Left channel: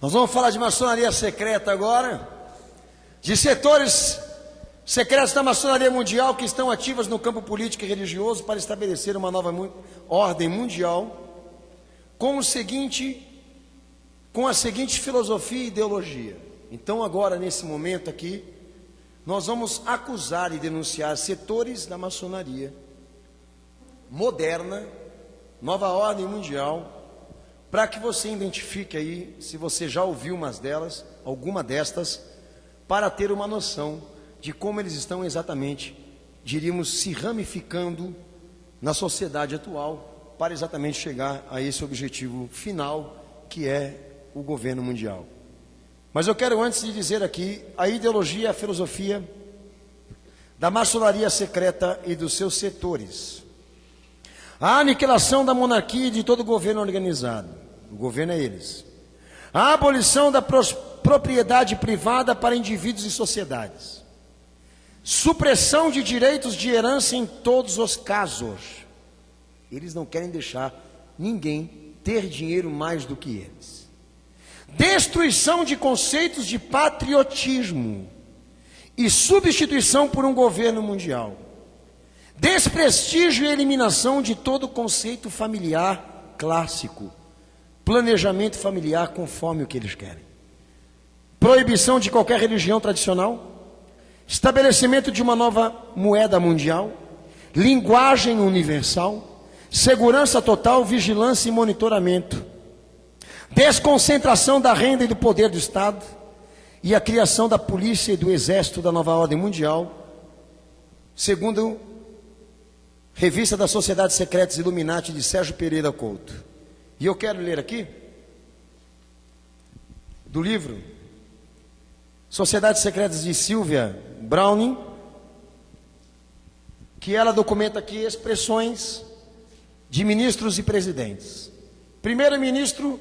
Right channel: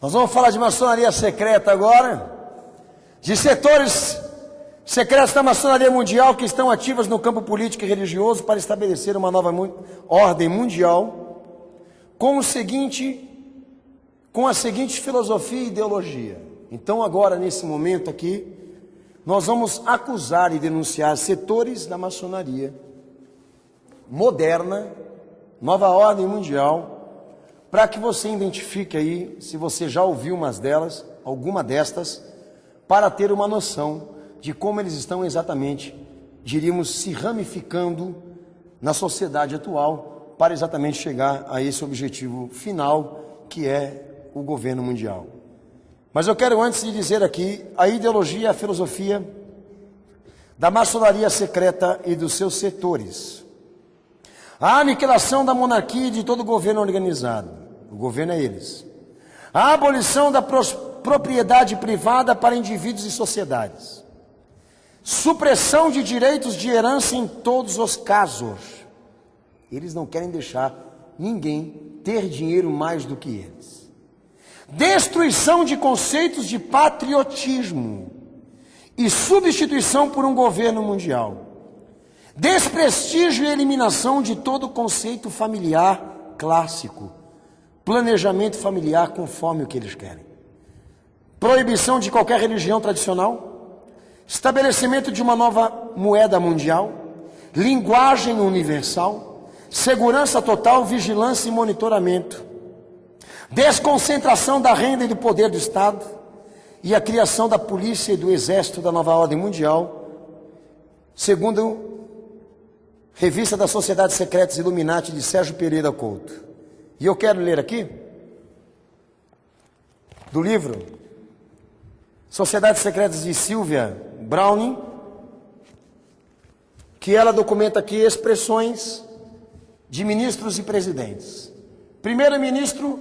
Nós vamos falar de maçonaria secreta agora, de setores secretos da maçonaria mundial que estão ativas no campo político e religioso para estabelecer uma nova ordem mundial com a seguinte filosofia e ideologia. Então agora, nesse momento aqui, nós vamos acusar e denunciar setores da maçonaria moderna, nova ordem mundial, para que você identifique aí, se você já ouviu alguma destas, para ter uma noção de como eles estão exatamente, diríamos, se ramificando na sociedade atual, para exatamente chegar a esse objetivo final, que é o governo mundial. Mas eu quero, antes de dizer aqui, a ideologia e a filosofia da maçonaria secreta e dos seus setores. A aniquilação da monarquia e de todo o governo organizado. O governo é eles. A abolição da propriedade privada para indivíduos e sociedades. Supressão de direitos de herança em todos os casos. Eles não querem deixar ninguém ter dinheiro mais do que eles. Destruição de conceitos de patriotismo e substituição por um governo mundial. Desprestígio e eliminação de todo conceito familiar clássico. Planejamento familiar conforme o que eles querem. Proibição de qualquer religião tradicional. Estabelecimento de uma nova moeda mundial. Linguagem universal. Segurança total, vigilância e monitoramento. Desconcentração da renda e do poder do Estado. E a criação da polícia e do exército da nova ordem mundial. Segundo Revista das Sociedades Secretas Illuminati, de Sérgio Pereira Couto. E eu quero ler aqui, do livro Sociedades Secretas de Sylvia Browning, que ela documenta aqui expressões de ministros e presidentes. Primeiro-ministro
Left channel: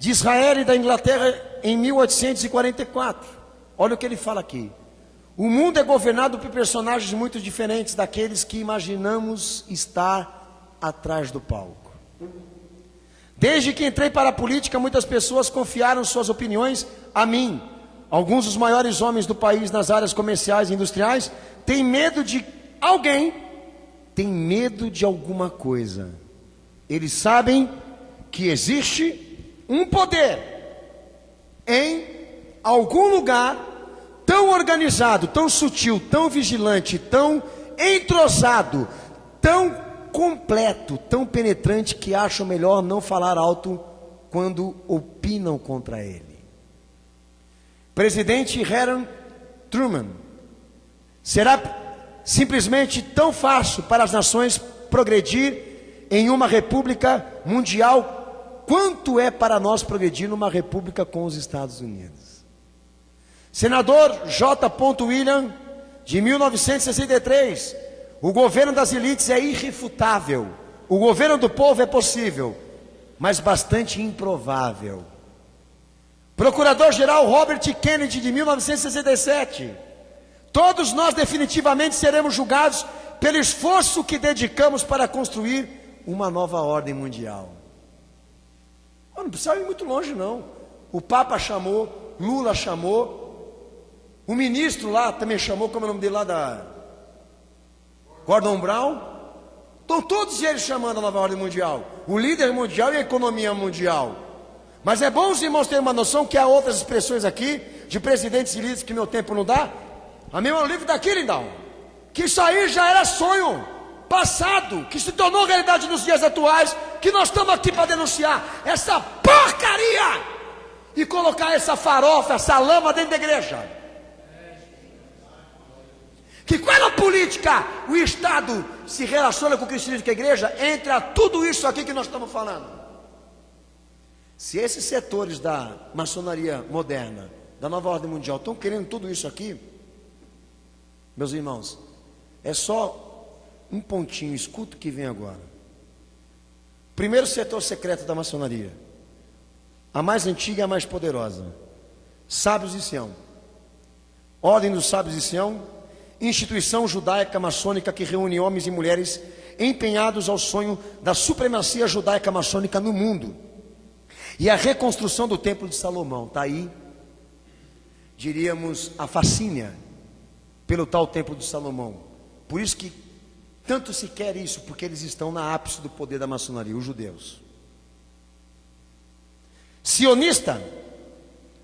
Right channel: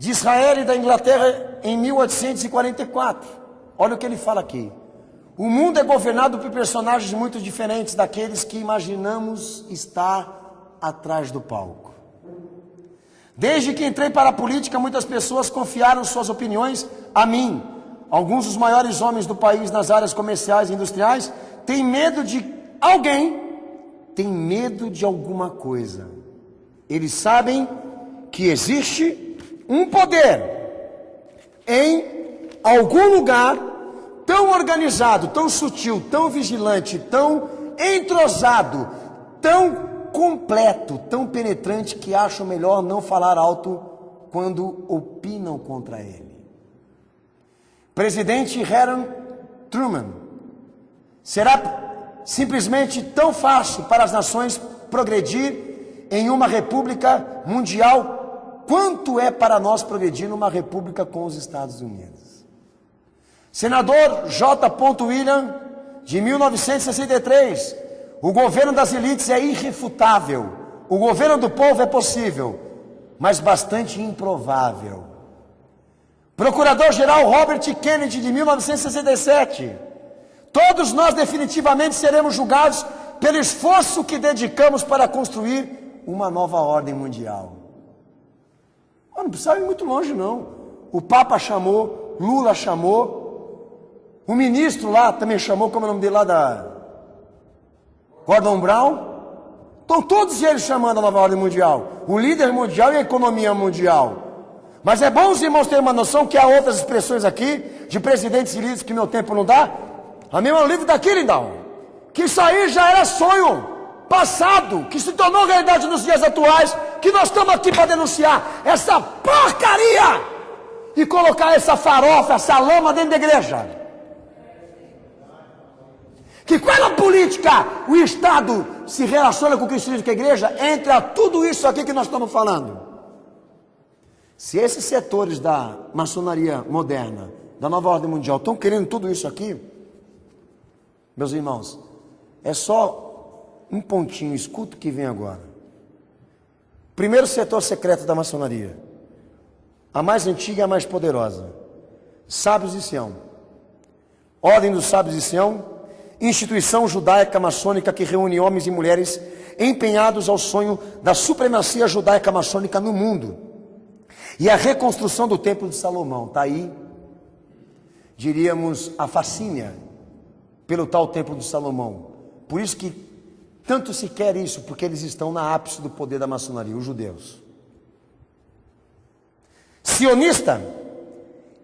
de Israel e da Inglaterra em 1844. Olha o que ele fala aqui. O mundo é governado por personagens muito diferentes daqueles que imaginamos estar atrás do palco. Desde que entrei para a política, muitas pessoas confiaram suas opiniões a mim. Alguns dos maiores homens do país nas áreas comerciais e industriais têm medo de alguém, têm medo de alguma coisa. Eles sabem que existe um poder em algum lugar tão organizado, tão sutil, tão vigilante, tão entrosado, tão completo, tão penetrante, que acham melhor não falar alto quando opinam contra ele. Presidente Harry Truman: será simplesmente tão fácil para as nações progredir em uma república mundial quanto é para nós progredir numa república com os Estados Unidos. Senador J. William, de 1963, o governo das elites é irrefutável, o governo do povo é possível, mas bastante improvável. Procurador-geral Robert Kennedy, de 1967, todos nós definitivamente seremos julgados pelo esforço que dedicamos para construir uma nova ordem mundial. Não precisa ir muito longe não. O Papa chamou, Lula chamou, o ministro lá também chamou, como é o nome dele lá, da Gordon Brown. Estão todos eles chamando a nova ordem mundial, o líder mundial e a economia mundial. Mas é bom os irmãos terem uma noção que há outras expressões aqui, de presidentes e líderes que meu tempo não dá. A mim é um livro daqui, lindão, que isso aí já era sonho passado, que se tornou realidade nos dias atuais, que nós estamos aqui para denunciar essa porcaria e colocar essa farofa, essa lama dentro da igreja. Que quando a política, o Estado se relaciona com o cristianismo, com a igreja, entra tudo isso aqui que nós estamos falando. Se esses setores da maçonaria moderna, da nova ordem mundial, estão querendo tudo isso aqui, meus irmãos, é só um pontinho, escuta o que vem agora. Primeiro setor secreto da maçonaria, a mais antiga e a mais poderosa, Sábios de Sião. Ordem dos Sábios de Sião, instituição judaica maçônica que reúne homens e mulheres empenhados ao sonho da supremacia judaica maçônica no mundo. E a reconstrução do Templo de Salomão, está aí, diríamos, a fascínio pelo tal Templo de Salomão. Por isso que tanto se quer isso, porque eles estão na ápice do poder da maçonaria, os judeus. Sionista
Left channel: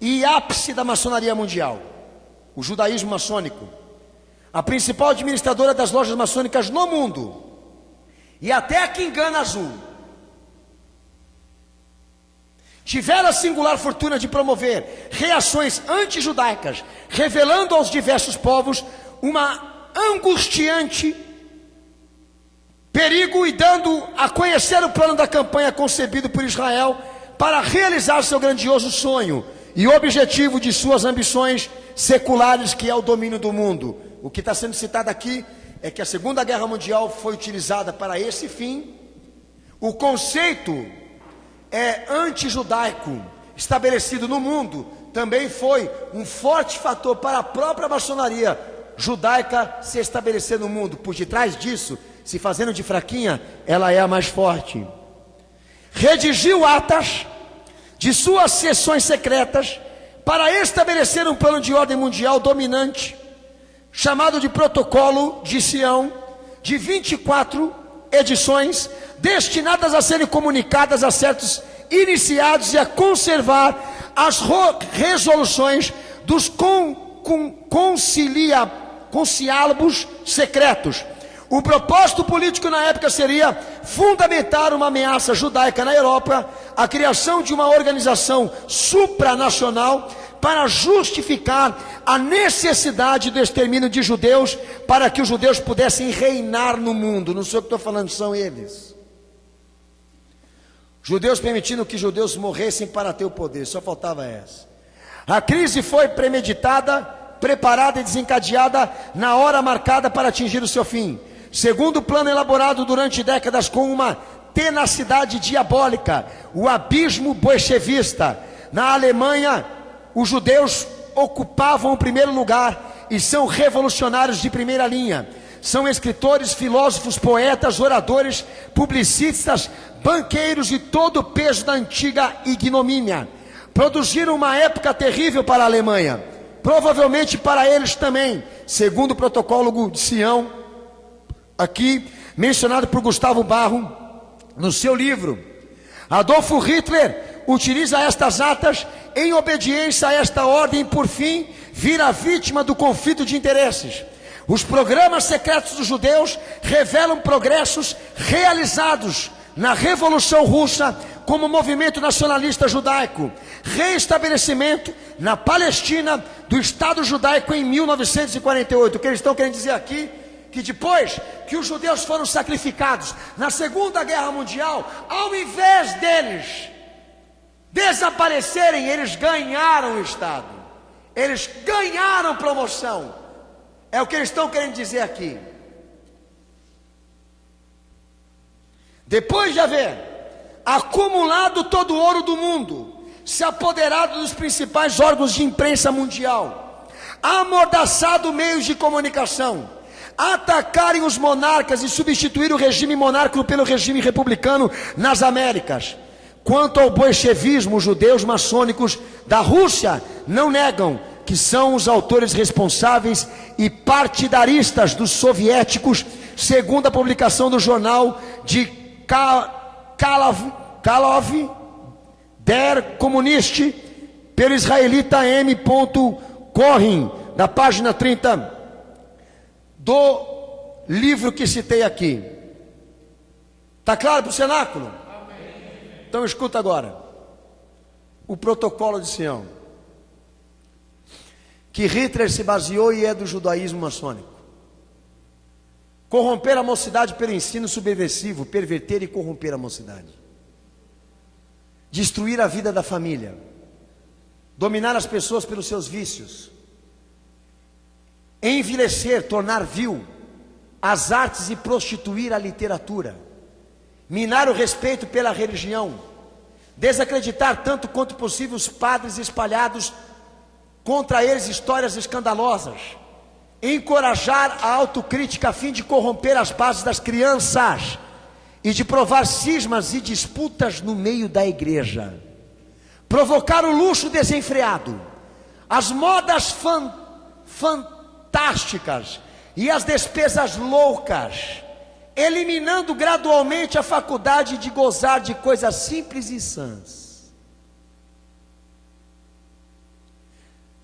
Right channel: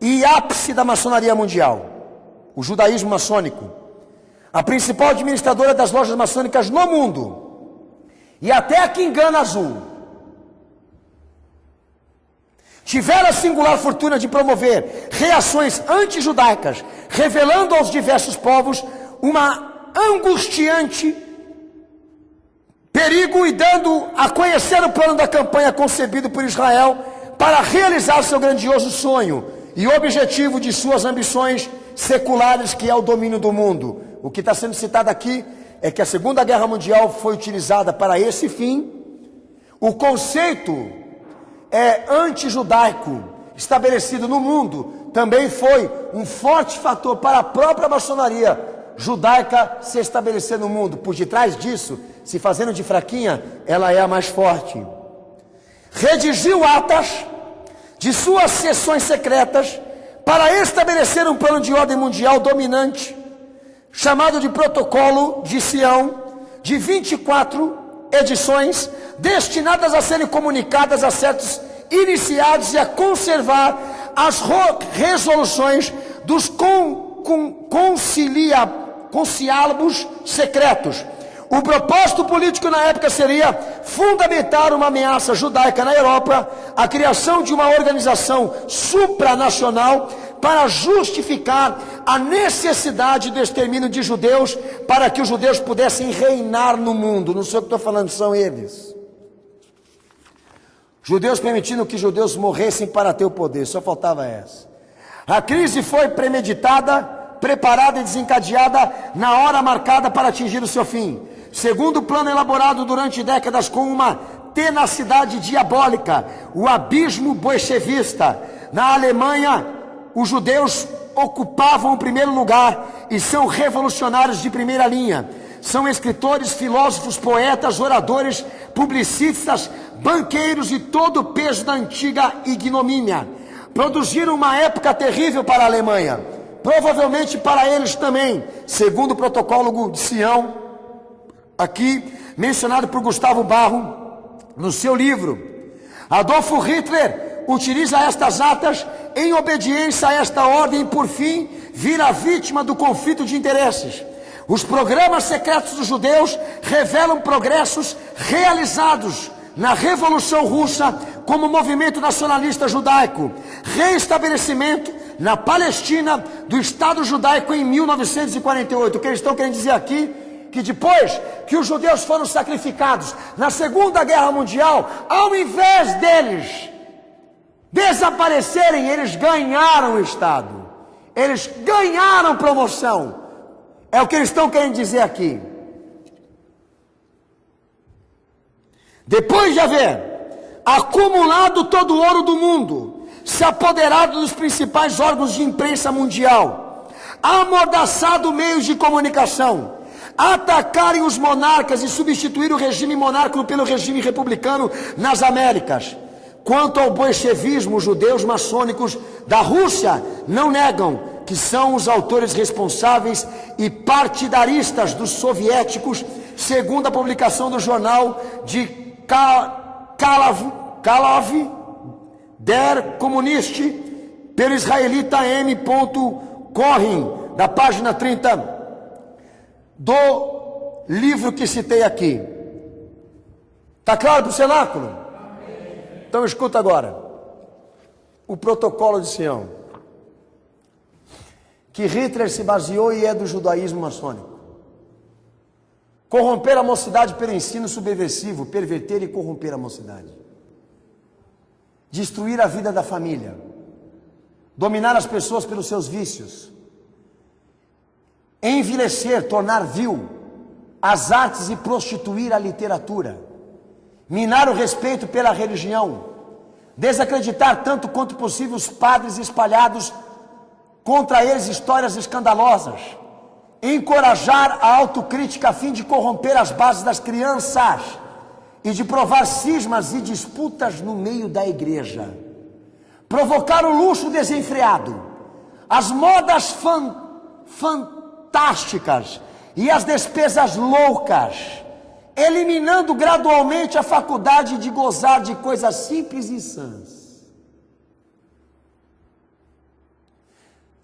e ápice da maçonaria mundial, o judaísmo maçônico, a principal administradora das lojas maçônicas no mundo, e até a Quingana Azul, tiveram a singular fortuna de promover reações anti-judaicas, revelando aos diversos povos uma angustiante perigo e dando a conhecer o plano da campanha concebido por Israel para realizar seu grandioso sonho e objetivo de suas ambições seculares, que é o domínio do mundo. O que está sendo citado aqui é que a Segunda Guerra Mundial foi utilizada para esse fim. O conceito anti-judaico estabelecido no mundo também foi um forte fator para a própria maçonaria judaica se estabelecer no mundo. Por detrás disso, se fazendo de fraquinha, ela é a mais forte. Redigiu atas de suas sessões secretas para estabelecer um plano de ordem mundial dominante, chamado de Protocolo de Sião, de 24 edições, destinadas a serem comunicadas a certos iniciados e a conservar as resoluções dos conciliábulos secretos. O propósito político na época seria fundamentar uma ameaça judaica na Europa, a criação de uma organização supranacional para justificar a necessidade do extermínio de judeus, para que os judeus pudessem reinar no mundo. Não sou eu que estou falando, são eles. Judeus permitindo que judeus morressem para ter o poder, só faltava essa. A crise foi premeditada, preparada e desencadeada na hora marcada para atingir o seu fim. Segundo o plano elaborado durante décadas com uma tenacidade diabólica, o abismo bolchevista. Na Alemanha, os judeus ocupavam o primeiro lugar e são revolucionários de primeira linha. São escritores, filósofos, poetas, oradores, publicistas, banqueiros e todo o peso da antiga ignomínia. Produziram uma época terrível para a Alemanha, provavelmente para eles também, segundo o Protocolo de Sião, aqui mencionado por Gustavo Barro no seu livro. Adolfo Hitler utiliza estas atas em obediência a esta ordem e, por fim, vira vítima do conflito de interesses. Os programas secretos dos judeus revelam progressos realizados na Revolução Russa como movimento nacionalista judaico, reestabelecimento na Palestina do Estado judaico em 1948. O que eles estão querendo dizer aqui, que depois que os judeus foram sacrificados na Segunda Guerra Mundial, ao invés deles desaparecerem, eles ganharam o Estado, eles ganharam promoção. É o que eles estão querendo dizer aqui. Depois de haver acumulado todo o ouro do mundo, se apoderado dos principais órgãos de imprensa mundial, amordaçado meios de comunicação, atacarem os monarcas e substituir o regime monárquico pelo regime republicano nas Américas. Quanto ao bolchevismo, os judeus maçônicos da Rússia não negam que são os autores responsáveis e partidaristas dos soviéticos, segundo a publicação do jornal de Kalov der Kommunist, pelo israelita M. Cohen, da página 30 do livro que citei aqui. Está claro para o cenáculo? Então escuta agora. O Protocolo de Sião, que Hitler se baseou e é do judaísmo maçônico. Corromper a mocidade pelo ensino subversivo, perverter e corromper a mocidade. Destruir a vida da família. Dominar as pessoas pelos seus vícios. Envilecer, tornar vil as artes e prostituir a literatura. Minar o respeito pela religião. Desacreditar tanto quanto possível os padres espalhados contra eles histórias escandalosas. Encorajar a autocrítica a fim de corromper as bases das crianças e de provar cismas e disputas no meio da igreja. provocar o luxo desenfreado, as modas fantásticas e as despesas loucas, eliminando gradualmente a faculdade de gozar de coisas simples e sãs.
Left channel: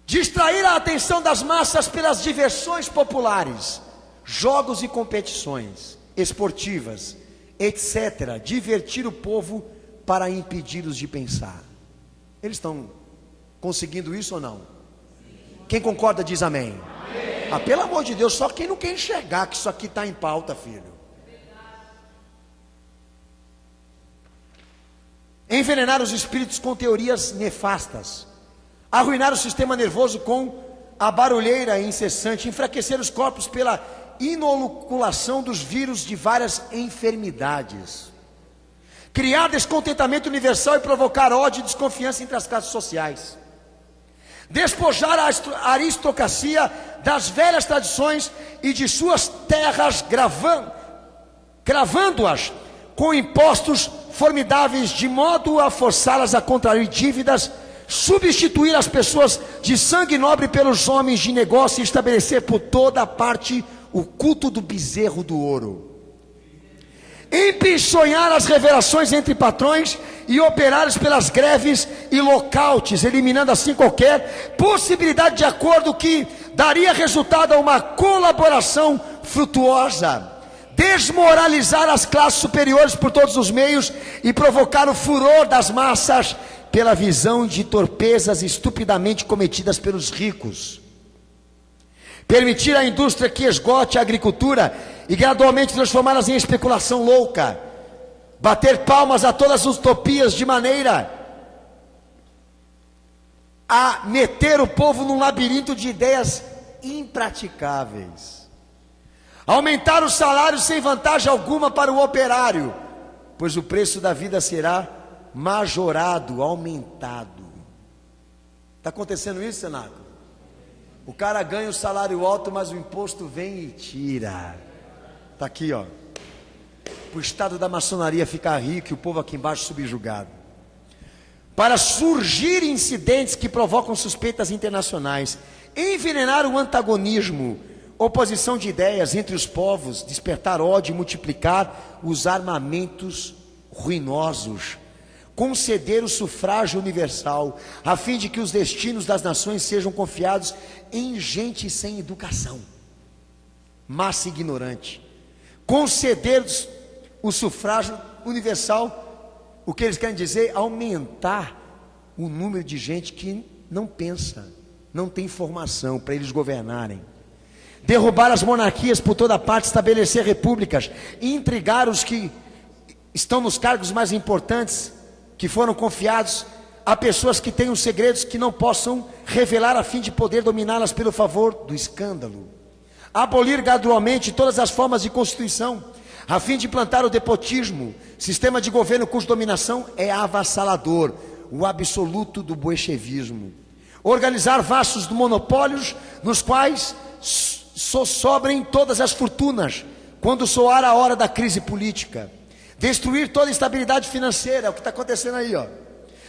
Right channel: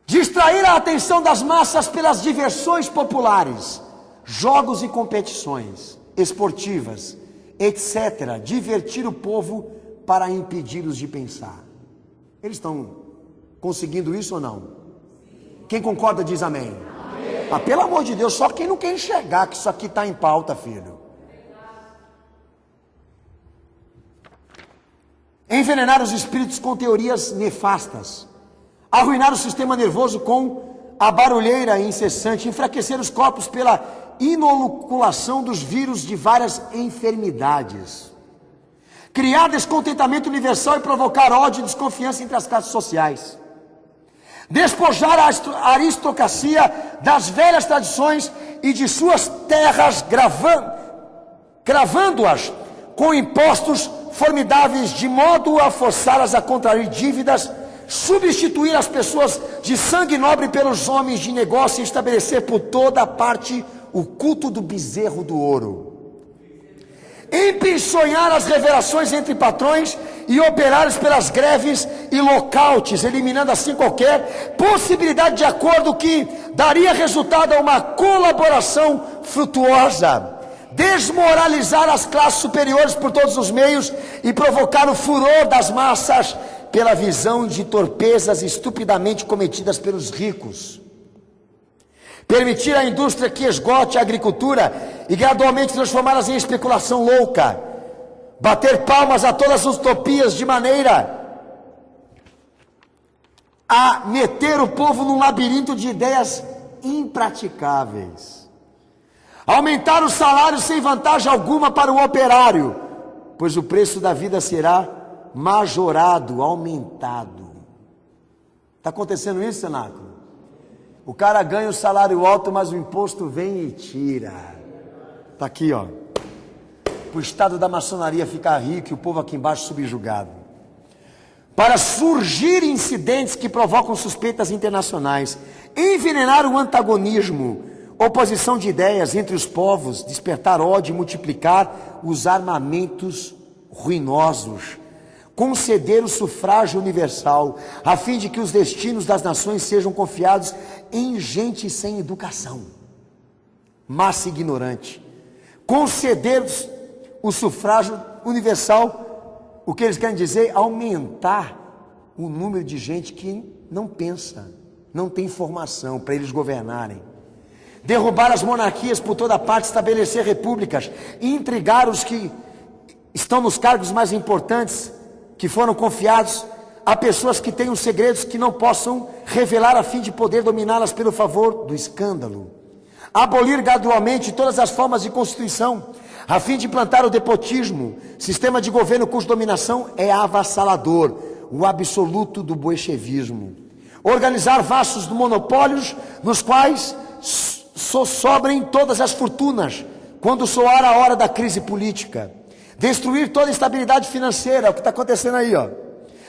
Distrair a atenção das massas pelas diversões populares, jogos e competições esportivas, etc. Divertir o povo para impedi-los de pensar. Eles estão conseguindo isso ou não? Quem concorda diz amém. Ah, pelo amor de Deus, só quem não quer enxergar que isso aqui está em pauta, filho. Envenenar os espíritos com teorias nefastas, arruinar o sistema nervoso com a barulheira incessante, enfraquecer os corpos pela inoculação dos vírus de várias enfermidades, criar descontentamento universal e provocar ódio e desconfiança entre as classes sociais, despojar a aristocracia das velhas tradições e de suas terras, gravando-as com impostos formidáveis, de modo a forçá-las a contrair dívidas, substituir as pessoas de sangue nobre pelos homens de negócio e estabelecer por toda a parte o culto do bezerro do ouro. Empichonhar as revelações entre patrões e operários pelas greves e lockouts, eliminando assim qualquer possibilidade de acordo que daria resultado a uma colaboração frutuosa. Desmoralizar as classes superiores por todos os meios e provocar o furor das massas pela visão de torpezas estupidamente cometidas pelos ricos. Permitir à indústria que esgote a agricultura e gradualmente transformá-las em especulação louca. Bater palmas a todas as utopias de maneira a meter o povo num labirinto de ideias impraticáveis. Aumentar os salários sem vantagem alguma para o operário, pois o preço da vida será majorado, aumentado. Está acontecendo isso, Sonato? O cara ganha o salário alto, mas o imposto vem e tira. Está aqui, ó. Para o estado da maçonaria ficar rico e o povo aqui embaixo subjugado. Para surgir incidentes que provocam suspeitas internacionais, envenenar o antagonismo, oposição de ideias entre os povos, despertar ódio e multiplicar os armamentos ruinosos, conceder o sufrágio universal, a fim de que os destinos das nações sejam confiados em gente sem educação, massa ignorante. Conceder o sufrágio universal, o que eles querem dizer? Aumentar o número de gente que não pensa, não tem formação para eles governarem. Derrubar as monarquias por toda parte, estabelecer repúblicas, intrigar os que estão nos cargos mais importantes, que foram confiados a pessoas que têm os segredos que não possam revelar, a fim de poder dominá-las pelo favor do escândalo. Abolir gradualmente todas as formas de constituição, a fim de implantar o despotismo, sistema de governo cuja dominação é avassalador, o absoluto do bolchevismo. Organizar vastos monopólios, nos quais só sobrem todas as fortunas, quando soar a hora da crise política. Destruir toda a estabilidade financeira, é o que está acontecendo aí, ó.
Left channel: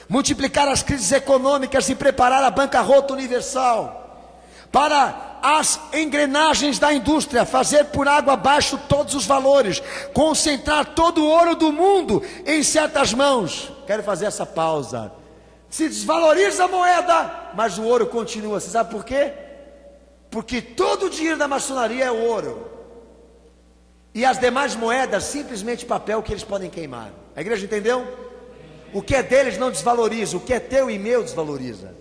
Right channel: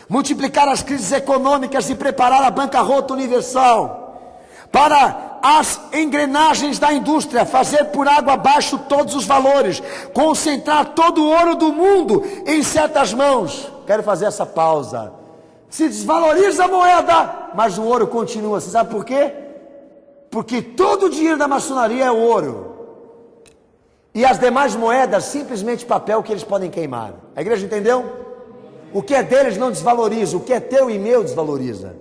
Multiplicar as crises econômicas e preparar a bancarrota universal. Para as engrenagens da indústria, fazer por água abaixo todos os valores, concentrar todo o ouro do mundo em certas mãos. Quero fazer essa pausa. Se desvaloriza a moeda, mas o ouro continua. Você sabe por quê? Porque todo o dinheiro da maçonaria é ouro. E as demais moedas, simplesmente papel que eles podem queimar. A igreja entendeu? O que é deles não desvaloriza, o que é teu e meu desvaloriza.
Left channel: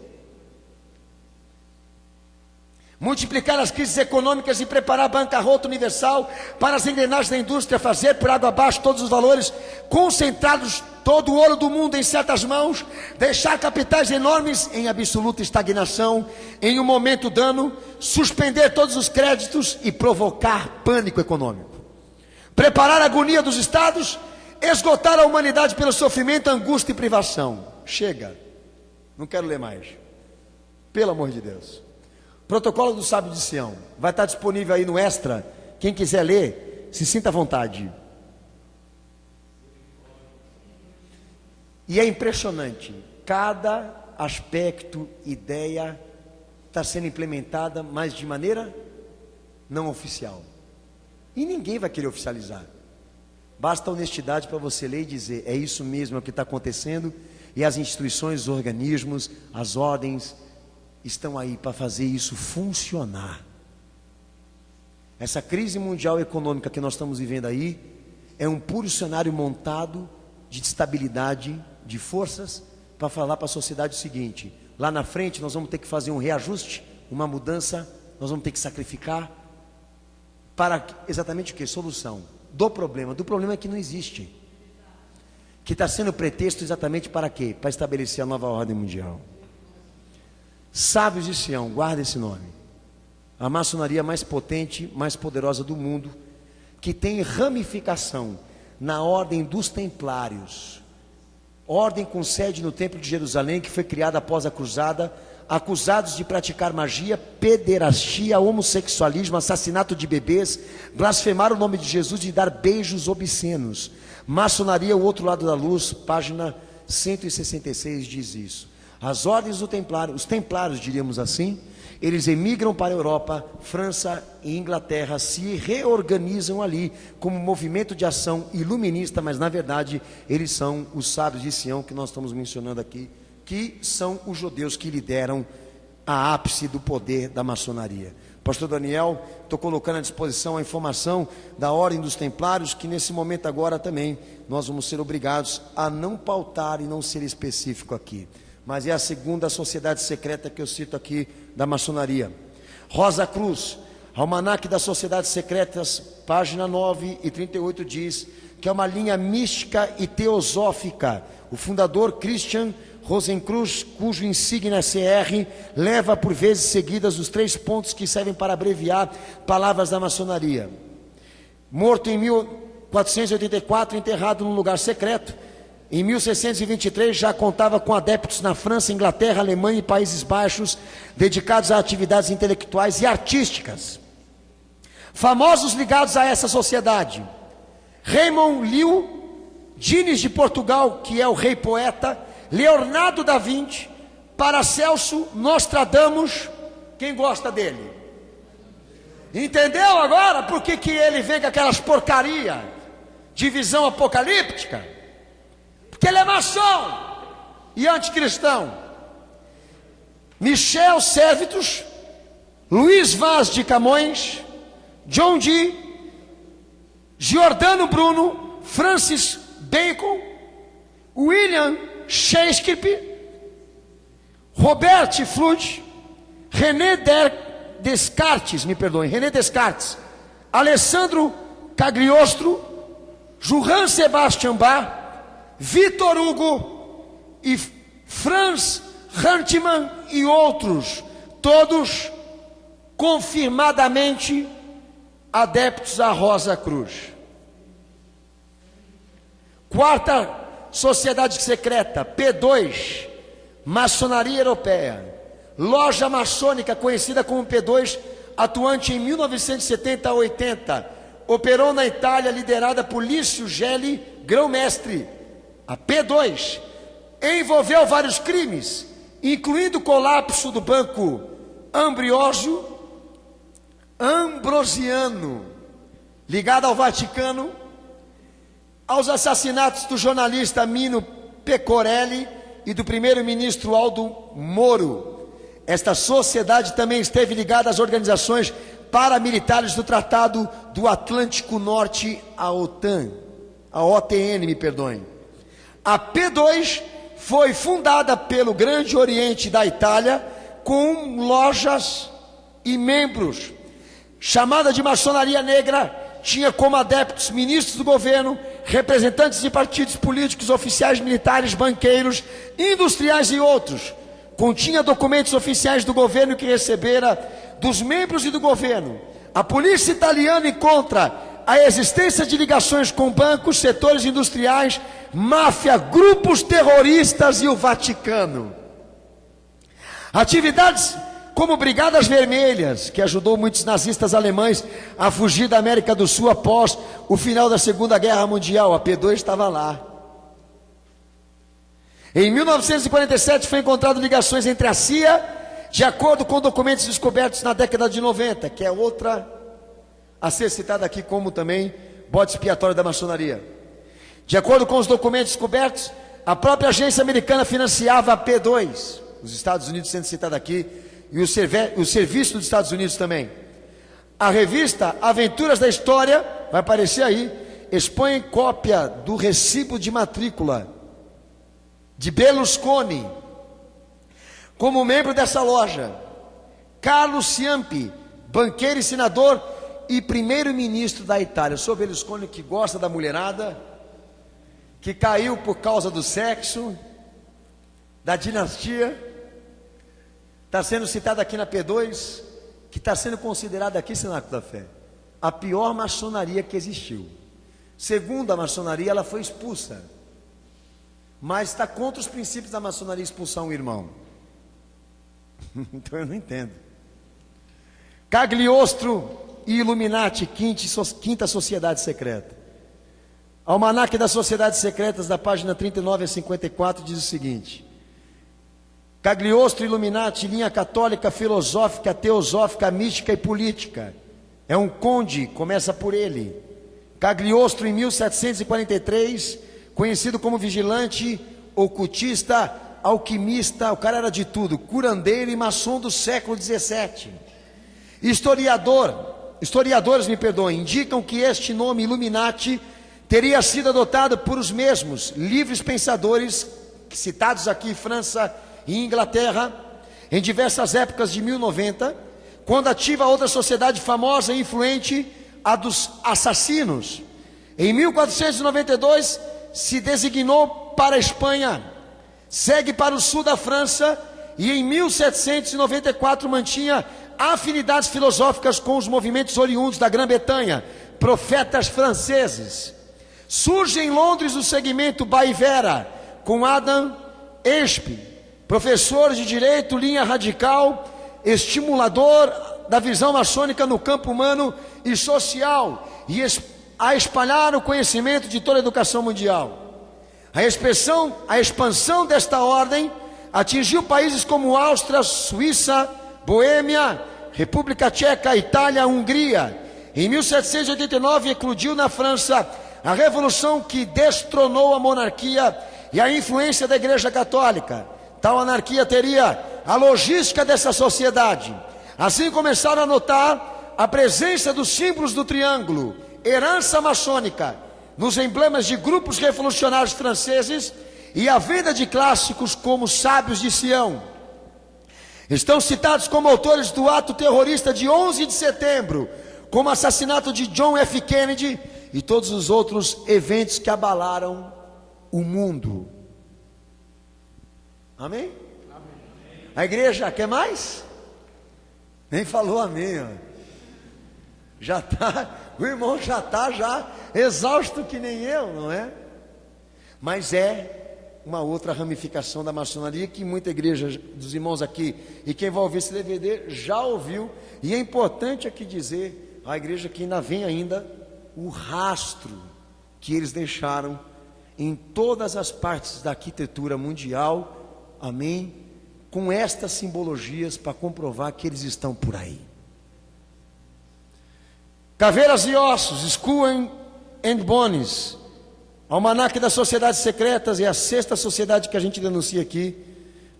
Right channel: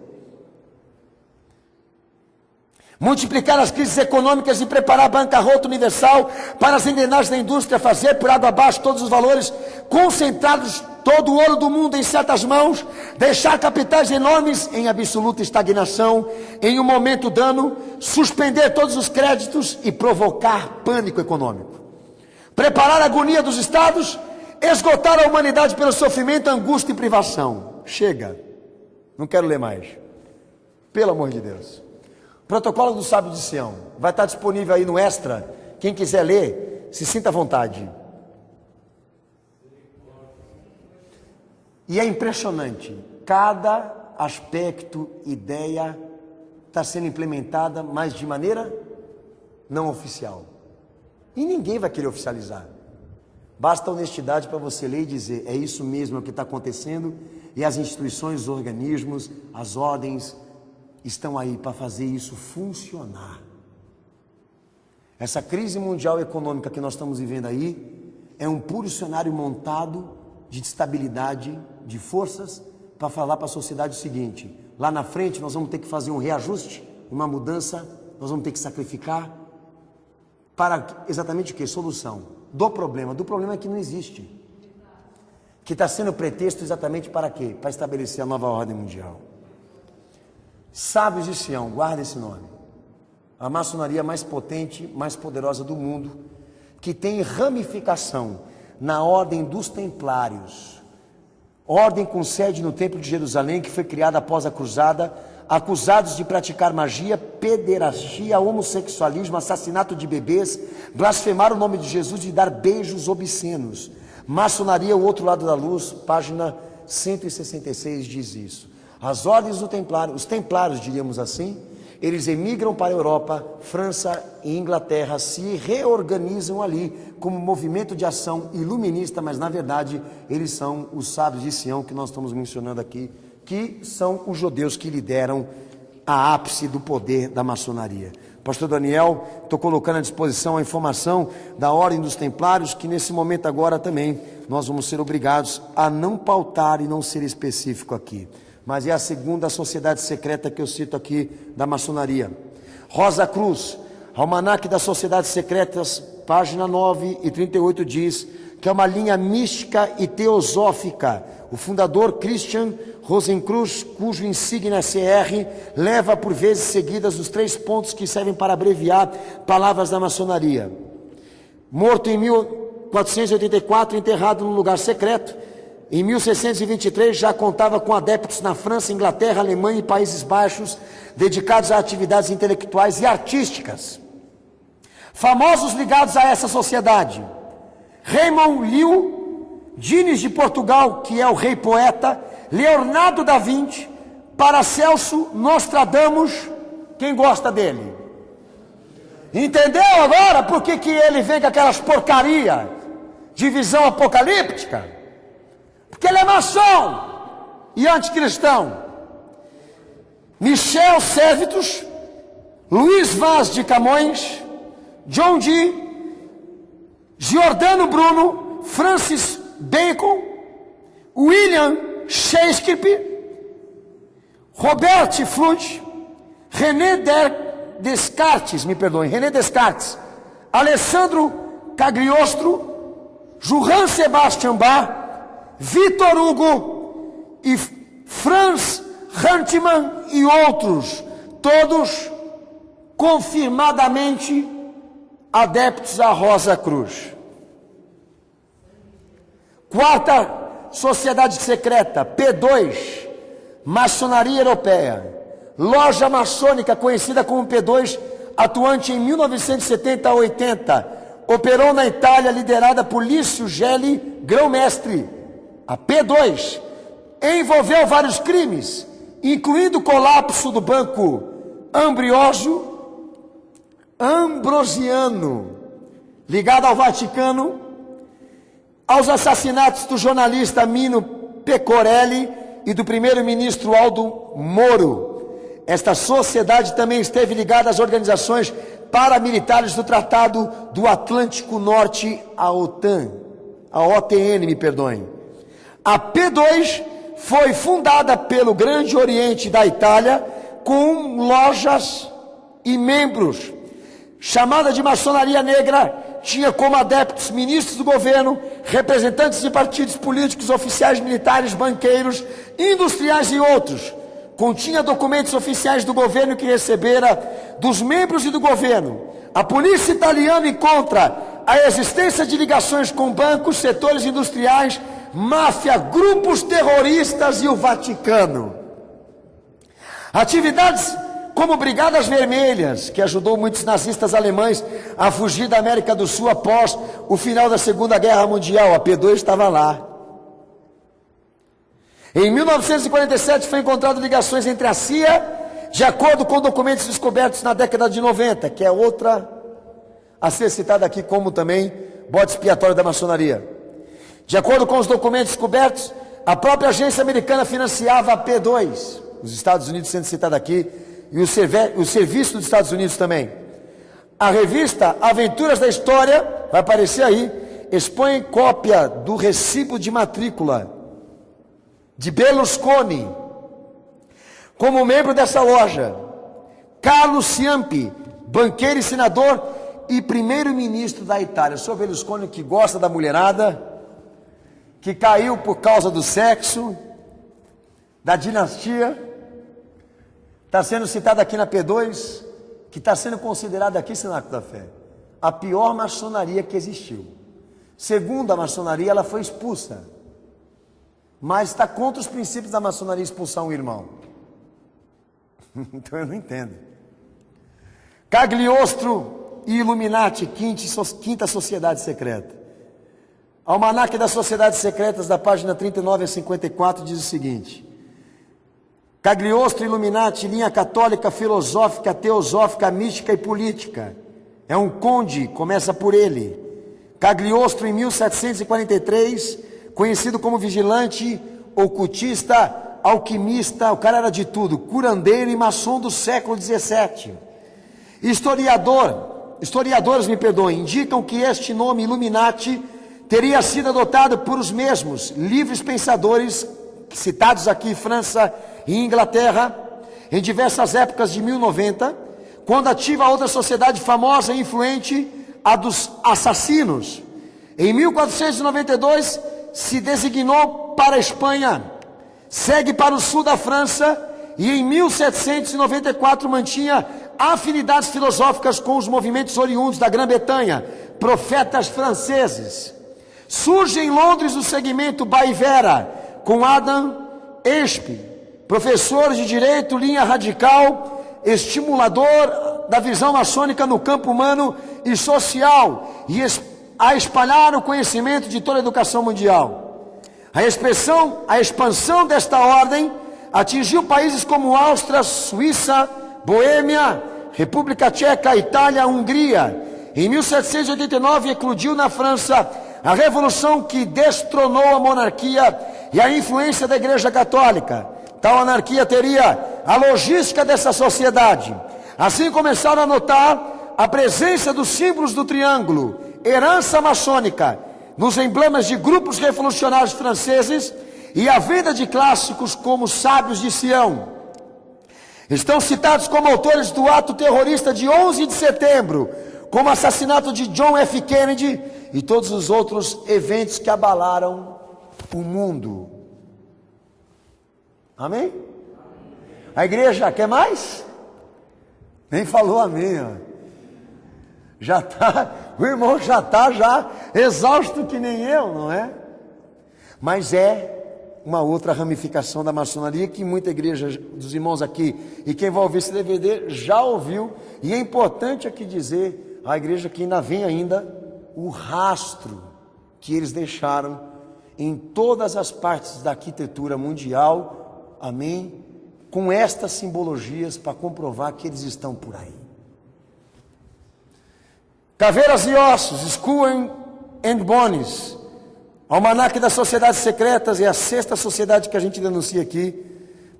Multiplicar as crises econômicas e preparar a bancarrota universal para as engrenagens da indústria, fazer por água abaixo todos os valores, concentrados todo o ouro do mundo em certas mãos, deixar capitais enormes em absoluta estagnação, em um momento dano, suspender todos os créditos e provocar pânico econômico. Preparar a agonia dos estados, esgotar a humanidade pelo sofrimento, angústia e privação. Chega, não quero ler mais. Pelo amor de Deus. Protocolo do Sábio de Sião, vai estar disponível aí no Extra, quem quiser ler, se sinta à vontade. E é impressionante, cada aspecto, ideia está sendo implementada, mas de maneira não oficial. E ninguém vai querer oficializar. Basta honestidade para você ler e dizer, é isso mesmo o que está acontecendo, e as instituições, os organismos, as ordens estão aí para fazer isso funcionar. Essa crise mundial econômica que nós estamos vivendo aí é um puro cenário montado de estabilidade, de forças, para falar para a sociedade o seguinte: lá na frente nós vamos ter que fazer um reajuste, uma mudança, nós vamos ter que sacrificar para exatamente o que? Solução do problema é que não existe, que está sendo pretexto exatamente para quê? Para estabelecer a nova ordem mundial. Sábios de Sião, guarda esse nome. A maçonaria mais potente, mais poderosa do mundo, que tem ramificação na ordem dos templários, ordem com sede no Templo de Jerusalém, que foi criada após a cruzada, acusados de praticar magia, pederastia, homossexualismo, assassinato de bebês, blasfemar o nome de Jesus e dar beijos obscenos. Maçonaria, o outro lado da luz, página 166 diz isso. As ordens do templário, os templários, diríamos assim, eles emigram para a Europa, França e Inglaterra, se reorganizam ali como movimento de ação iluminista, mas na verdade eles são os sábios de Sião que nós estamos mencionando aqui, que são os judeus que lideram a ápice do poder da maçonaria. Pastor Daniel, estou colocando à disposição a informação da ordem dos templários, que nesse momento agora também nós vamos ser obrigados a não pautar e não ser específico aqui. Mas é a segunda sociedade secreta que eu cito aqui da maçonaria. Rosa Cruz, Almanaque das Sociedades Secretas, página 9 e 38 diz que é uma linha mística e teosófica. O fundador Christian Rosenkreuz, cujo insígnia CR leva por vezes seguidas os 3 pontos que servem para abreviar palavras da maçonaria. Morto em 1484, enterrado num lugar secreto. Em 1623 já contava com adeptos na França, Inglaterra, Alemanha e Países Baixos, dedicados a atividades intelectuais e artísticas. Famosos ligados a essa sociedade: Raymond Liu, Dines de Portugal, que é o rei poeta, Leonardo da Vinci, Paracelso, Nostradamus. Quem gosta dele? Entendeu agora por que ele vem com aquelas porcaria de visão apocalíptica? Porque ele é maçom e anticristão. Michel Servetus, Luiz Vaz de Camões, John Dee, Giordano Bruno, Francis Bacon, William Shakespeare, Robert Fludd, René Descartes, René Descartes, Alessandro Cagliostro, Johann Sebastian Bach, Victor Hugo e Franz Hartmann e outros, todos confirmadamente adeptos à Rosa Cruz. Quarta sociedade secreta, P2, Maçonaria Europeia, loja maçônica conhecida como P2, atuante em 1970 a 80, operou na Itália, liderada por Lício Gelli, grão-mestre. A P2 envolveu vários crimes, incluindo o colapso do Banco Ambrosiano, ligado ao Vaticano, aos assassinatos do jornalista Mino Pecorelli e do primeiro-ministro Aldo Moro. Esta sociedade também esteve ligada às organizações paramilitares do Tratado do Atlântico Norte, a OTAN, a OTN, me perdoem. A P2 foi fundada pelo Grande Oriente da Itália, com lojas e membros. Chamada de maçonaria negra, tinha como adeptos ministros do governo, representantes de partidos políticos, oficiais militares, banqueiros, industriais e outros. Continha documentos oficiais do governo que recebera dos membros e do governo. A polícia italiana encontra a existência de ligações com bancos, setores industriais, máfia, grupos terroristas e o Vaticano. Atividades como Brigadas Vermelhas, que ajudou muitos nazistas alemães a fugir da América do Sul após o final da Segunda Guerra Mundial. A P2 estava lá. Em 1947 foi encontrado ligações entre a CIA, de acordo com documentos descobertos na década de 90, que é outra a ser citada aqui como também bode expiatório da maçonaria. De acordo com os documentos descobertos, a própria agência americana financiava a P2, os Estados Unidos sendo citado aqui, e o serviço dos Estados Unidos também. A revista Aventuras da História, vai aparecer aí, expõe cópia do recibo de matrícula de Berlusconi como membro dessa loja. Carlo Ciampi, banqueiro e senador e primeiro-ministro da Itália. O senhor Berlusconi, que gosta da mulherada, que caiu por causa do sexo, da dinastia, está sendo citado aqui na P2, que está sendo considerada aqui, Cenáculo da Fé, a pior maçonaria que existiu. Segundo a maçonaria, ela foi expulsa, mas está contra os princípios da maçonaria expulsar um irmão. Então eu não entendo. Cagliostro e Illuminati, quinta sociedade secreta. Almanaque das Sociedades Secretas, da página 39 a 54, diz o seguinte: Cagliostro e Illuminati, linha católica, filosófica, teosófica, mística e política. É um conde, começa por ele. Cagliostro, em 1743, conhecido como vigilante, ocultista, alquimista, o cara era de tudo, curandeiro e maçom do século XVII. Historiadores, indicam que este nome Illuminati teria sido adotado por os mesmos livres pensadores citados aqui, França e Inglaterra, em diversas épocas de 1090, quando ativa outra sociedade famosa e influente, a dos assassinos. Em 1492 se designou para a Espanha, segue para o sul da França e em 1794 mantinha afinidades filosóficas com os movimentos oriundos da Grã-Bretanha, profetas franceses. Surge em Londres o segmento Baivera, com Adam Espe, professor de direito, linha radical, estimulador da visão maçônica no campo humano e social, e a espalhar o conhecimento de toda a educação mundial. A expansão desta ordem atingiu países como Áustria, Suíça, Boêmia, República Tcheca, Itália, Hungria. Em 1789 eclodiu na França a revolução que destronou a monarquia e a influência da Igreja Católica. Tal anarquia teria a logística dessa sociedade. Assim começaram a notar a presença dos símbolos do triângulo, herança maçônica, nos emblemas de grupos revolucionários franceses e a venda de clássicos como Sábios de Sião. Estão citados como autores do ato terrorista de 11 de setembro, como o assassinato de John F. Kennedy e todos os outros eventos que abalaram o mundo. Amém? A igreja quer mais? Nem falou amém, ó. Já está, o irmão já está exausto que nem eu, não é? Mas é uma outra ramificação da maçonaria que muita igreja dos irmãos aqui e quem vai ouvir esse DVD já ouviu, e é importante aqui dizer a igreja que ainda vem ainda o rastro que eles deixaram em todas as partes da arquitetura mundial, amém, com estas simbologias para comprovar que eles estão por aí. Caveiras e Ossos, Skull and Bones, Almanaque das Sociedades Secretas, é a sexta sociedade que a gente denuncia aqui,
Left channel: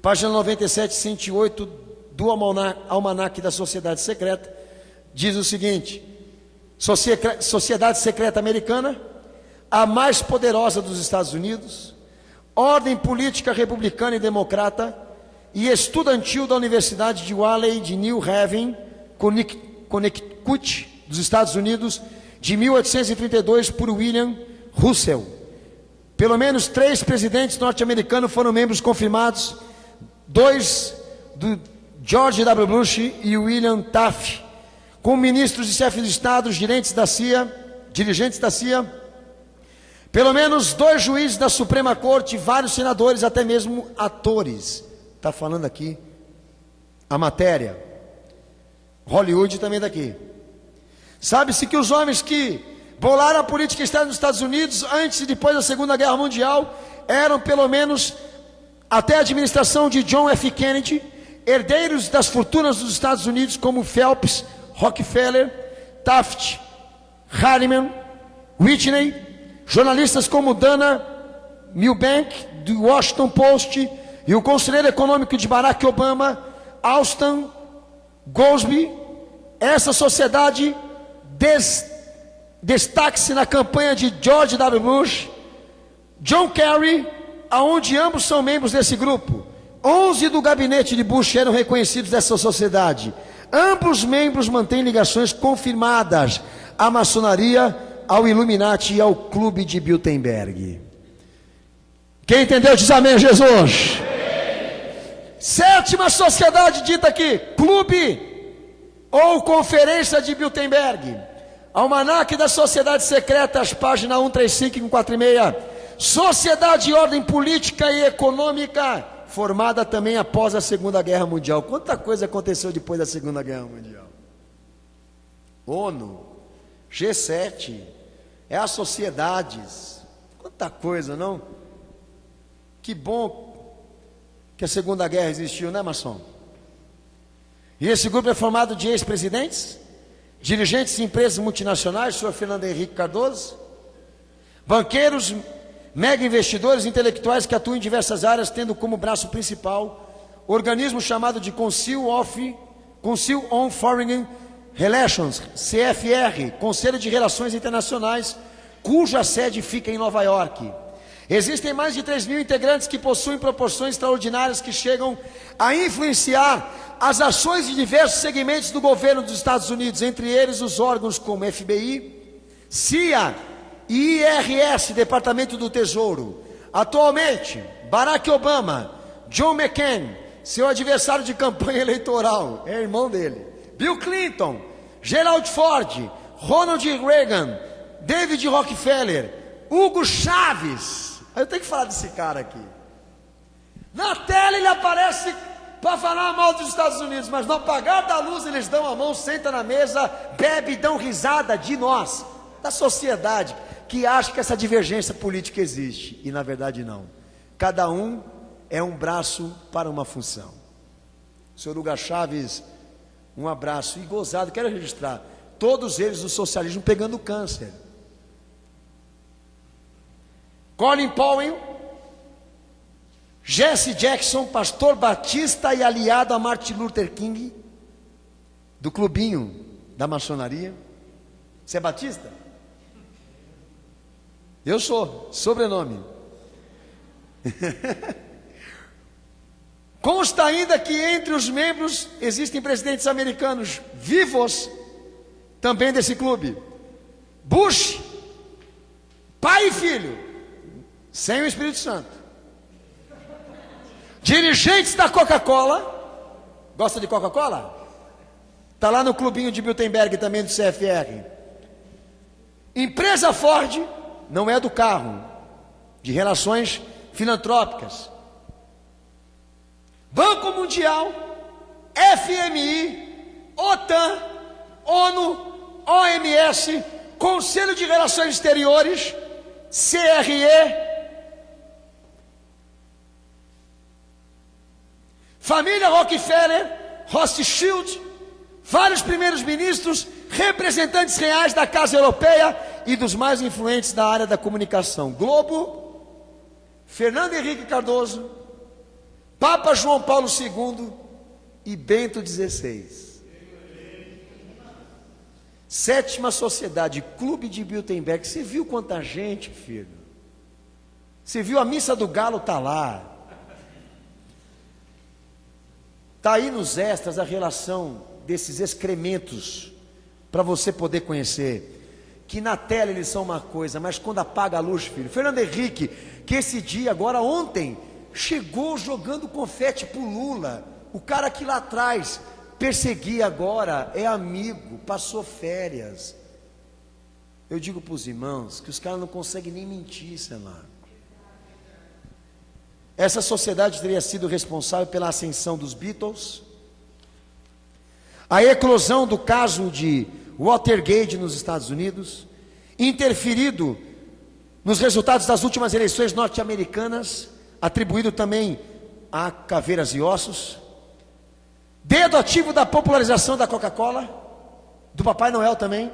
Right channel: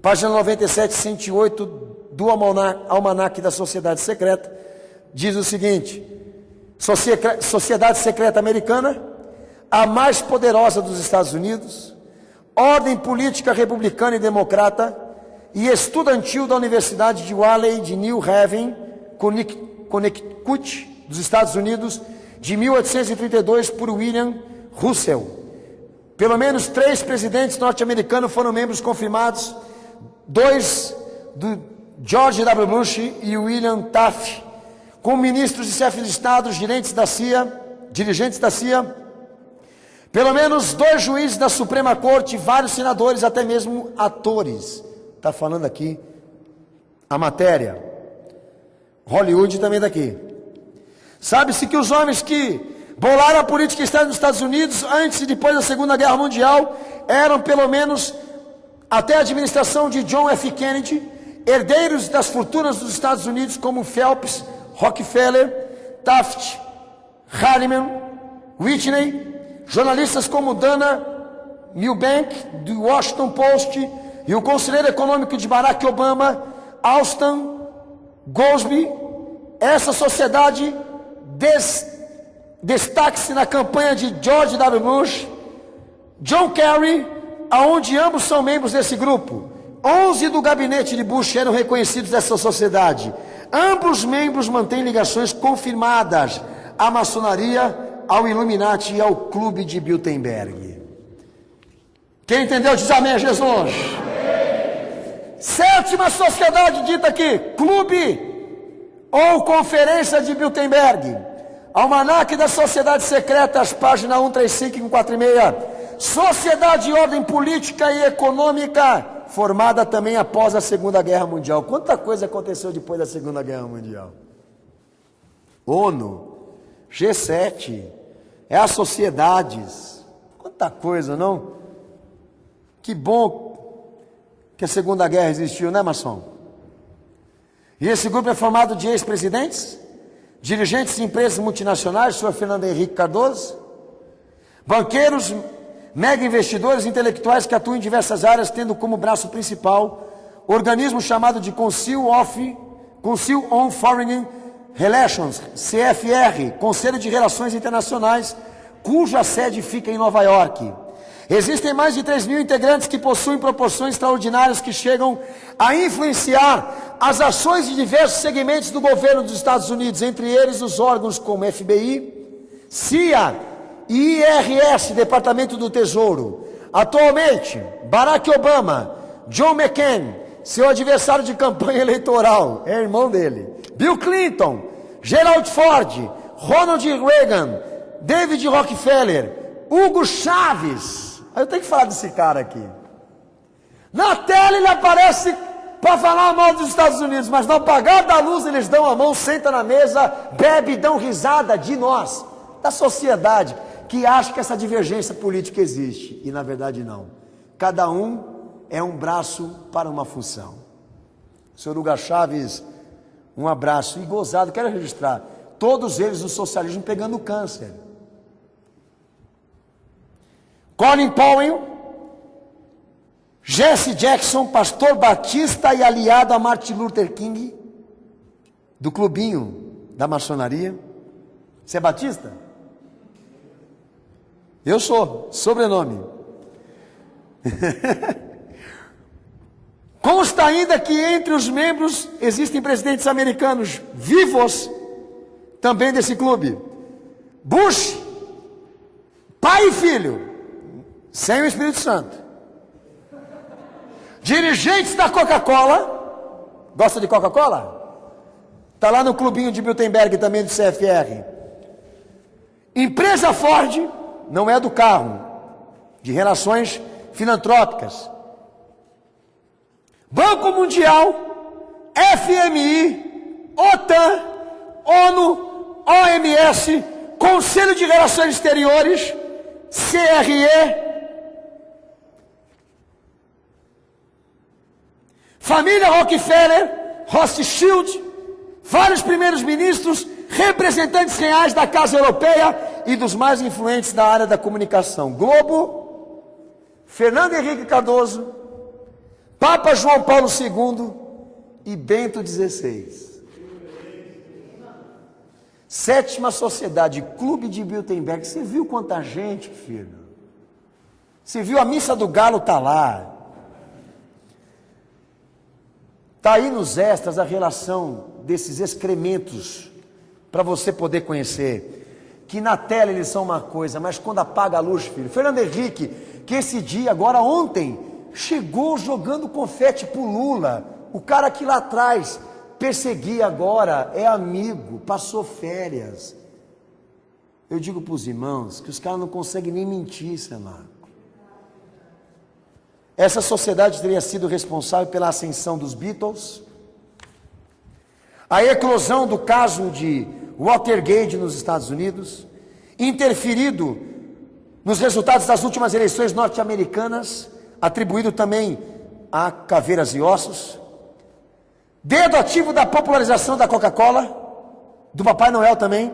página 97, 108 do Almanaque da Sociedade Secreta, diz o seguinte: Sociedade Secreta Americana, a mais poderosa dos Estados Unidos, ordem política republicana e democrata e estudantil da Universidade de Wiley de New Haven, Connecticut, dos Estados Unidos, de 1832 por William Russell. Pelo menos 3 presidentes norte-americanos foram membros confirmados, 2 do George W. Bush e William Taft, com ministros e chefes de Estado, dirigentes da CIA, pelo menos 2 juízes da Suprema Corte, vários senadores, até mesmo atores. Está falando aqui a matéria. Hollywood também daqui. Sabe-se que os homens que bolaram a política externa dos Estados Unidos antes e depois da Segunda Guerra Mundial eram pelo menos até a administração de John F. Kennedy, herdeiros das fortunas dos Estados Unidos como Phelps, Rockefeller, Taft, Harriman, Whitney, jornalistas como Dana Milbank, do Washington Post, e o conselheiro econômico de Barack Obama, Alston Goldsby. Essa sociedade destaque-se na campanha de George W. Bush, John Kerry, aonde ambos são membros desse grupo. 11 do gabinete de Bush eram reconhecidos dessa sociedade. Ambos membros mantêm ligações confirmadas à maçonaria, ao Illuminati e ao Clube de Bilderberg. Quem entendeu diz amém a Jesus. Sétima sociedade dita aqui, Clube ou Conferência de Bilderberg. Almanaque das Sociedades Secretas, página 135 e 146. Sociedade de ordem política e econômica, formada também após a Segunda Guerra Mundial. Quanta coisa aconteceu depois da Segunda Guerra Mundial? ONU, G7, as sociedades, quanta coisa, não? Que bom que a Segunda Guerra existiu, né, maçom? E esse grupo é formado de ex-presidentes, dirigentes de empresas multinacionais, o senhor Fernando Henrique Cardoso, banqueiros, mega investidores intelectuais que atuam em diversas áreas, tendo como braço principal organismo chamado de Council on Foreign Relations, CFR, Conselho de Relações Internacionais, cuja sede fica em Nova York. Existem mais de 3 mil integrantes que possuem proporções extraordinárias que chegam a influenciar as ações de diversos segmentos do governo dos Estados Unidos, entre eles os órgãos como FBI, CIA e IRS, Departamento do Tesouro. Atualmente, Barack Obama, John McCain, seu adversário de campanha eleitoral, é irmão dele, Bill Clinton, Gerald Ford, Ronald Reagan, David Rockefeller, Hugo Chávez. Eu tenho que falar desse cara aqui. Na tela ele aparece para falar mal dos Estados Unidos, mas no apagar da luz eles dão a mão, sentam na mesa, bebem e dão risada de nós, da sociedade, que acha que essa divergência política existe, e na verdade não. Cada um é um braço para uma função. Senhor Hugo Chávez, um abraço, e gozado, quero registrar, todos eles do socialismo pegando câncer. Colin Powell, Jesse Jackson, pastor batista e aliado a Martin Luther King, do clubinho da maçonaria. Você é batista? Eu sou, sobrenome. Consta ainda que entre os membros existem presidentes americanos vivos também desse clube. Bush, pai e filho, sem o Espírito Santo. Dirigentes da Coca-Cola, gosta de Coca-Cola? Está lá no clubinho de Bilderberg também do CFR. Empresa Ford, não é do carro, de relações filantrópicas. Banco Mundial, FMI, OTAN, ONU, OMS, Conselho de Relações Exteriores, CRE, família Rockefeller, Rothschild, vários primeiros ministros, representantes reais da Casa Europeia e dos mais influentes da área da comunicação. Globo, Fernando Henrique Cardoso, Papa João Paulo II e Bento XVI. Sétima Sociedade, Clube de Bilderberg. Você viu quanta gente, filho? Você viu a missa do galo está lá. Está aí nos extras a relação desses excrementos, para você poder conhecer, que na tela eles são uma coisa, mas quando apaga a luz, filho. Fernando Henrique, que esse dia, agora ontem, chegou jogando confete pro Lula, o cara que lá atrás perseguia agora, é amigo, passou férias. Eu digo para os irmãos, que os caras não conseguem nem mentir, Senado. Essa sociedade teria sido responsável pela ascensão dos Beatles, a eclosão do caso de Watergate nos Estados Unidos, interferido nos resultados das últimas eleições norte-americanas, atribuído também a Caveiras e Ossos, dedo ativo da popularização da Coca-Cola, do Papai Noel também,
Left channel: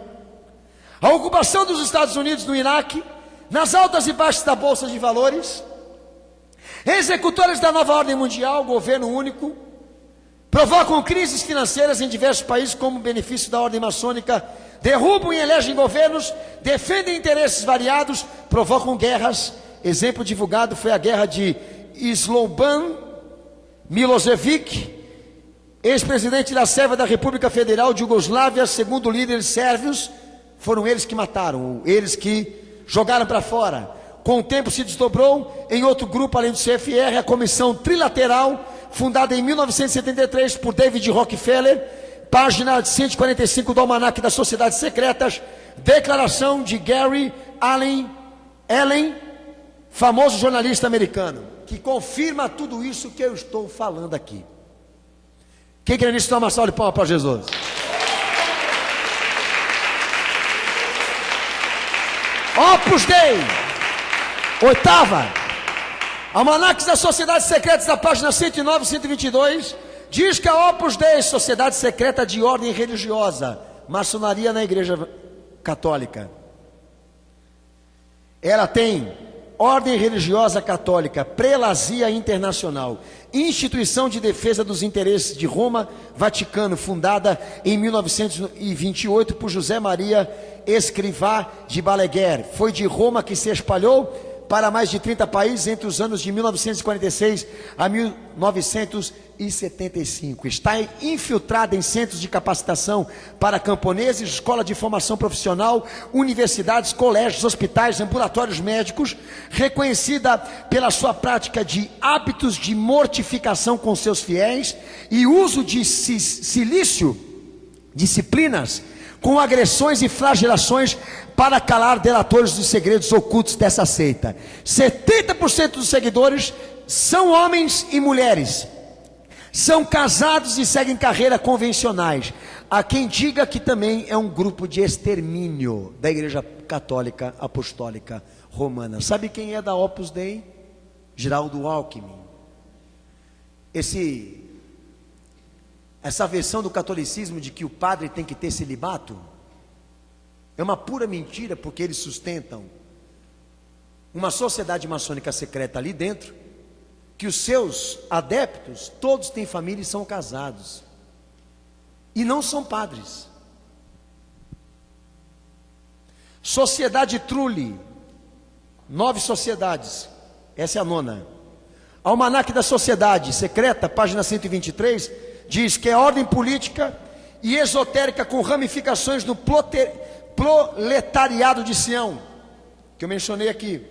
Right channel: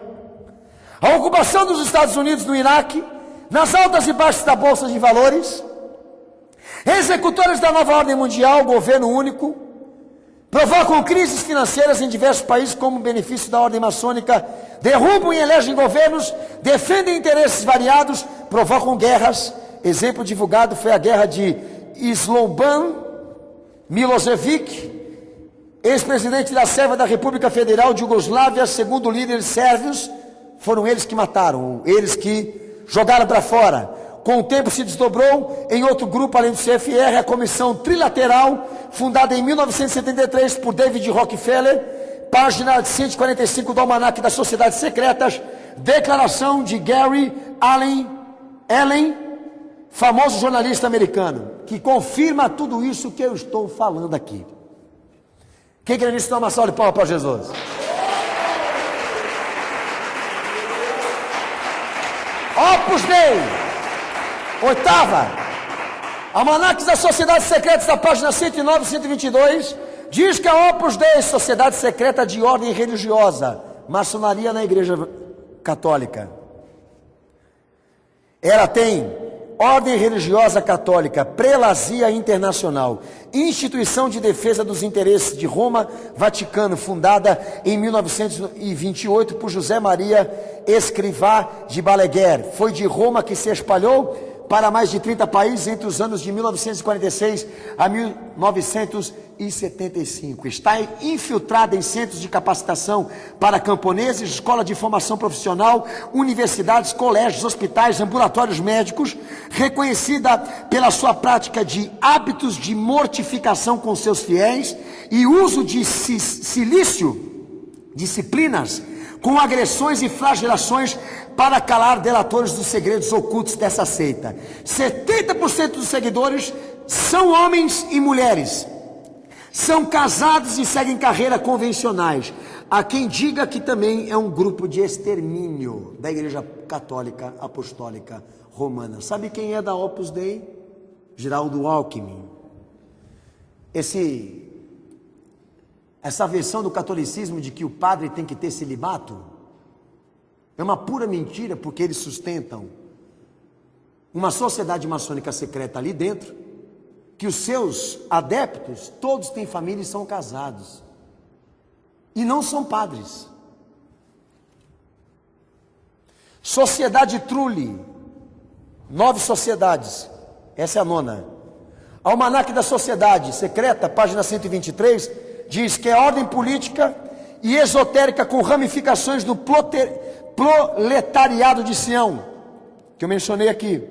a ocupação dos Estados Unidos no Iraque, nas altas e baixas da Bolsa de Valores, executores da nova ordem mundial, governo único, provocam crises financeiras em diversos países como benefício da ordem maçônica, derrubam e elegem governos, defendem interesses variados, provocam guerras. Exemplo divulgado foi a guerra de Slobodan Milosevic, ex-presidente da Sérvia da República Federal de Iugoslávia, segundo líderes sérvios, foram eles que mataram, eles que jogaram para fora. Com o tempo se desdobrou em outro grupo, além do CFR, a Comissão Trilateral, fundada em 1973 por David Rockefeller, página 145 do Almanaque das Sociedades Secretas, declaração de Gary Allen, famoso jornalista americano, que confirma tudo isso que eu estou falando aqui. Quem crê nisso, dá uma salva de palmas para Jesus. Opus Dei, oitava, Almanaques das Sociedades Secretas, da página 109 e 122, diz que a Opus Dei, sociedade secreta de ordem religiosa, maçonaria na Igreja Católica, ela tem ordem religiosa católica, prelazia internacional, instituição de defesa dos interesses de Roma, Vaticano, fundada em 1928 por José Maria Escrivá de Balaguer. Foi de Roma que se espalhou para mais de 30 países entre os anos de 1946 a 1975. Está infiltrada em centros de capacitação para camponeses, escola de formação profissional, universidades, colégios, hospitais, ambulatórios médicos, reconhecida pela sua prática de hábitos de mortificação com seus fiéis e uso de silício, disciplinas, com agressões e flagelações para calar delatores dos segredos ocultos dessa seita. 70% dos seguidores são homens e mulheres, são casados e seguem carreira convencionais. Há quem diga que também é um grupo de extermínio da Igreja Católica Apostólica Romana. Sabe quem é da Opus Dei? Geraldo Alckmin. Essa versão do catolicismo de que o padre tem que ter celibato é uma pura mentira, porque eles sustentam uma sociedade maçônica secreta ali dentro, que os seus adeptos, todos têm família e são casados, e não são padres. Sociedade Trulli, 9 sociedades, essa é a 9ª. Almanaque da Sociedade Secreta, página 123, diz que é ordem política e esotérica com ramificações no proletariado de Sião, que eu mencionei aqui,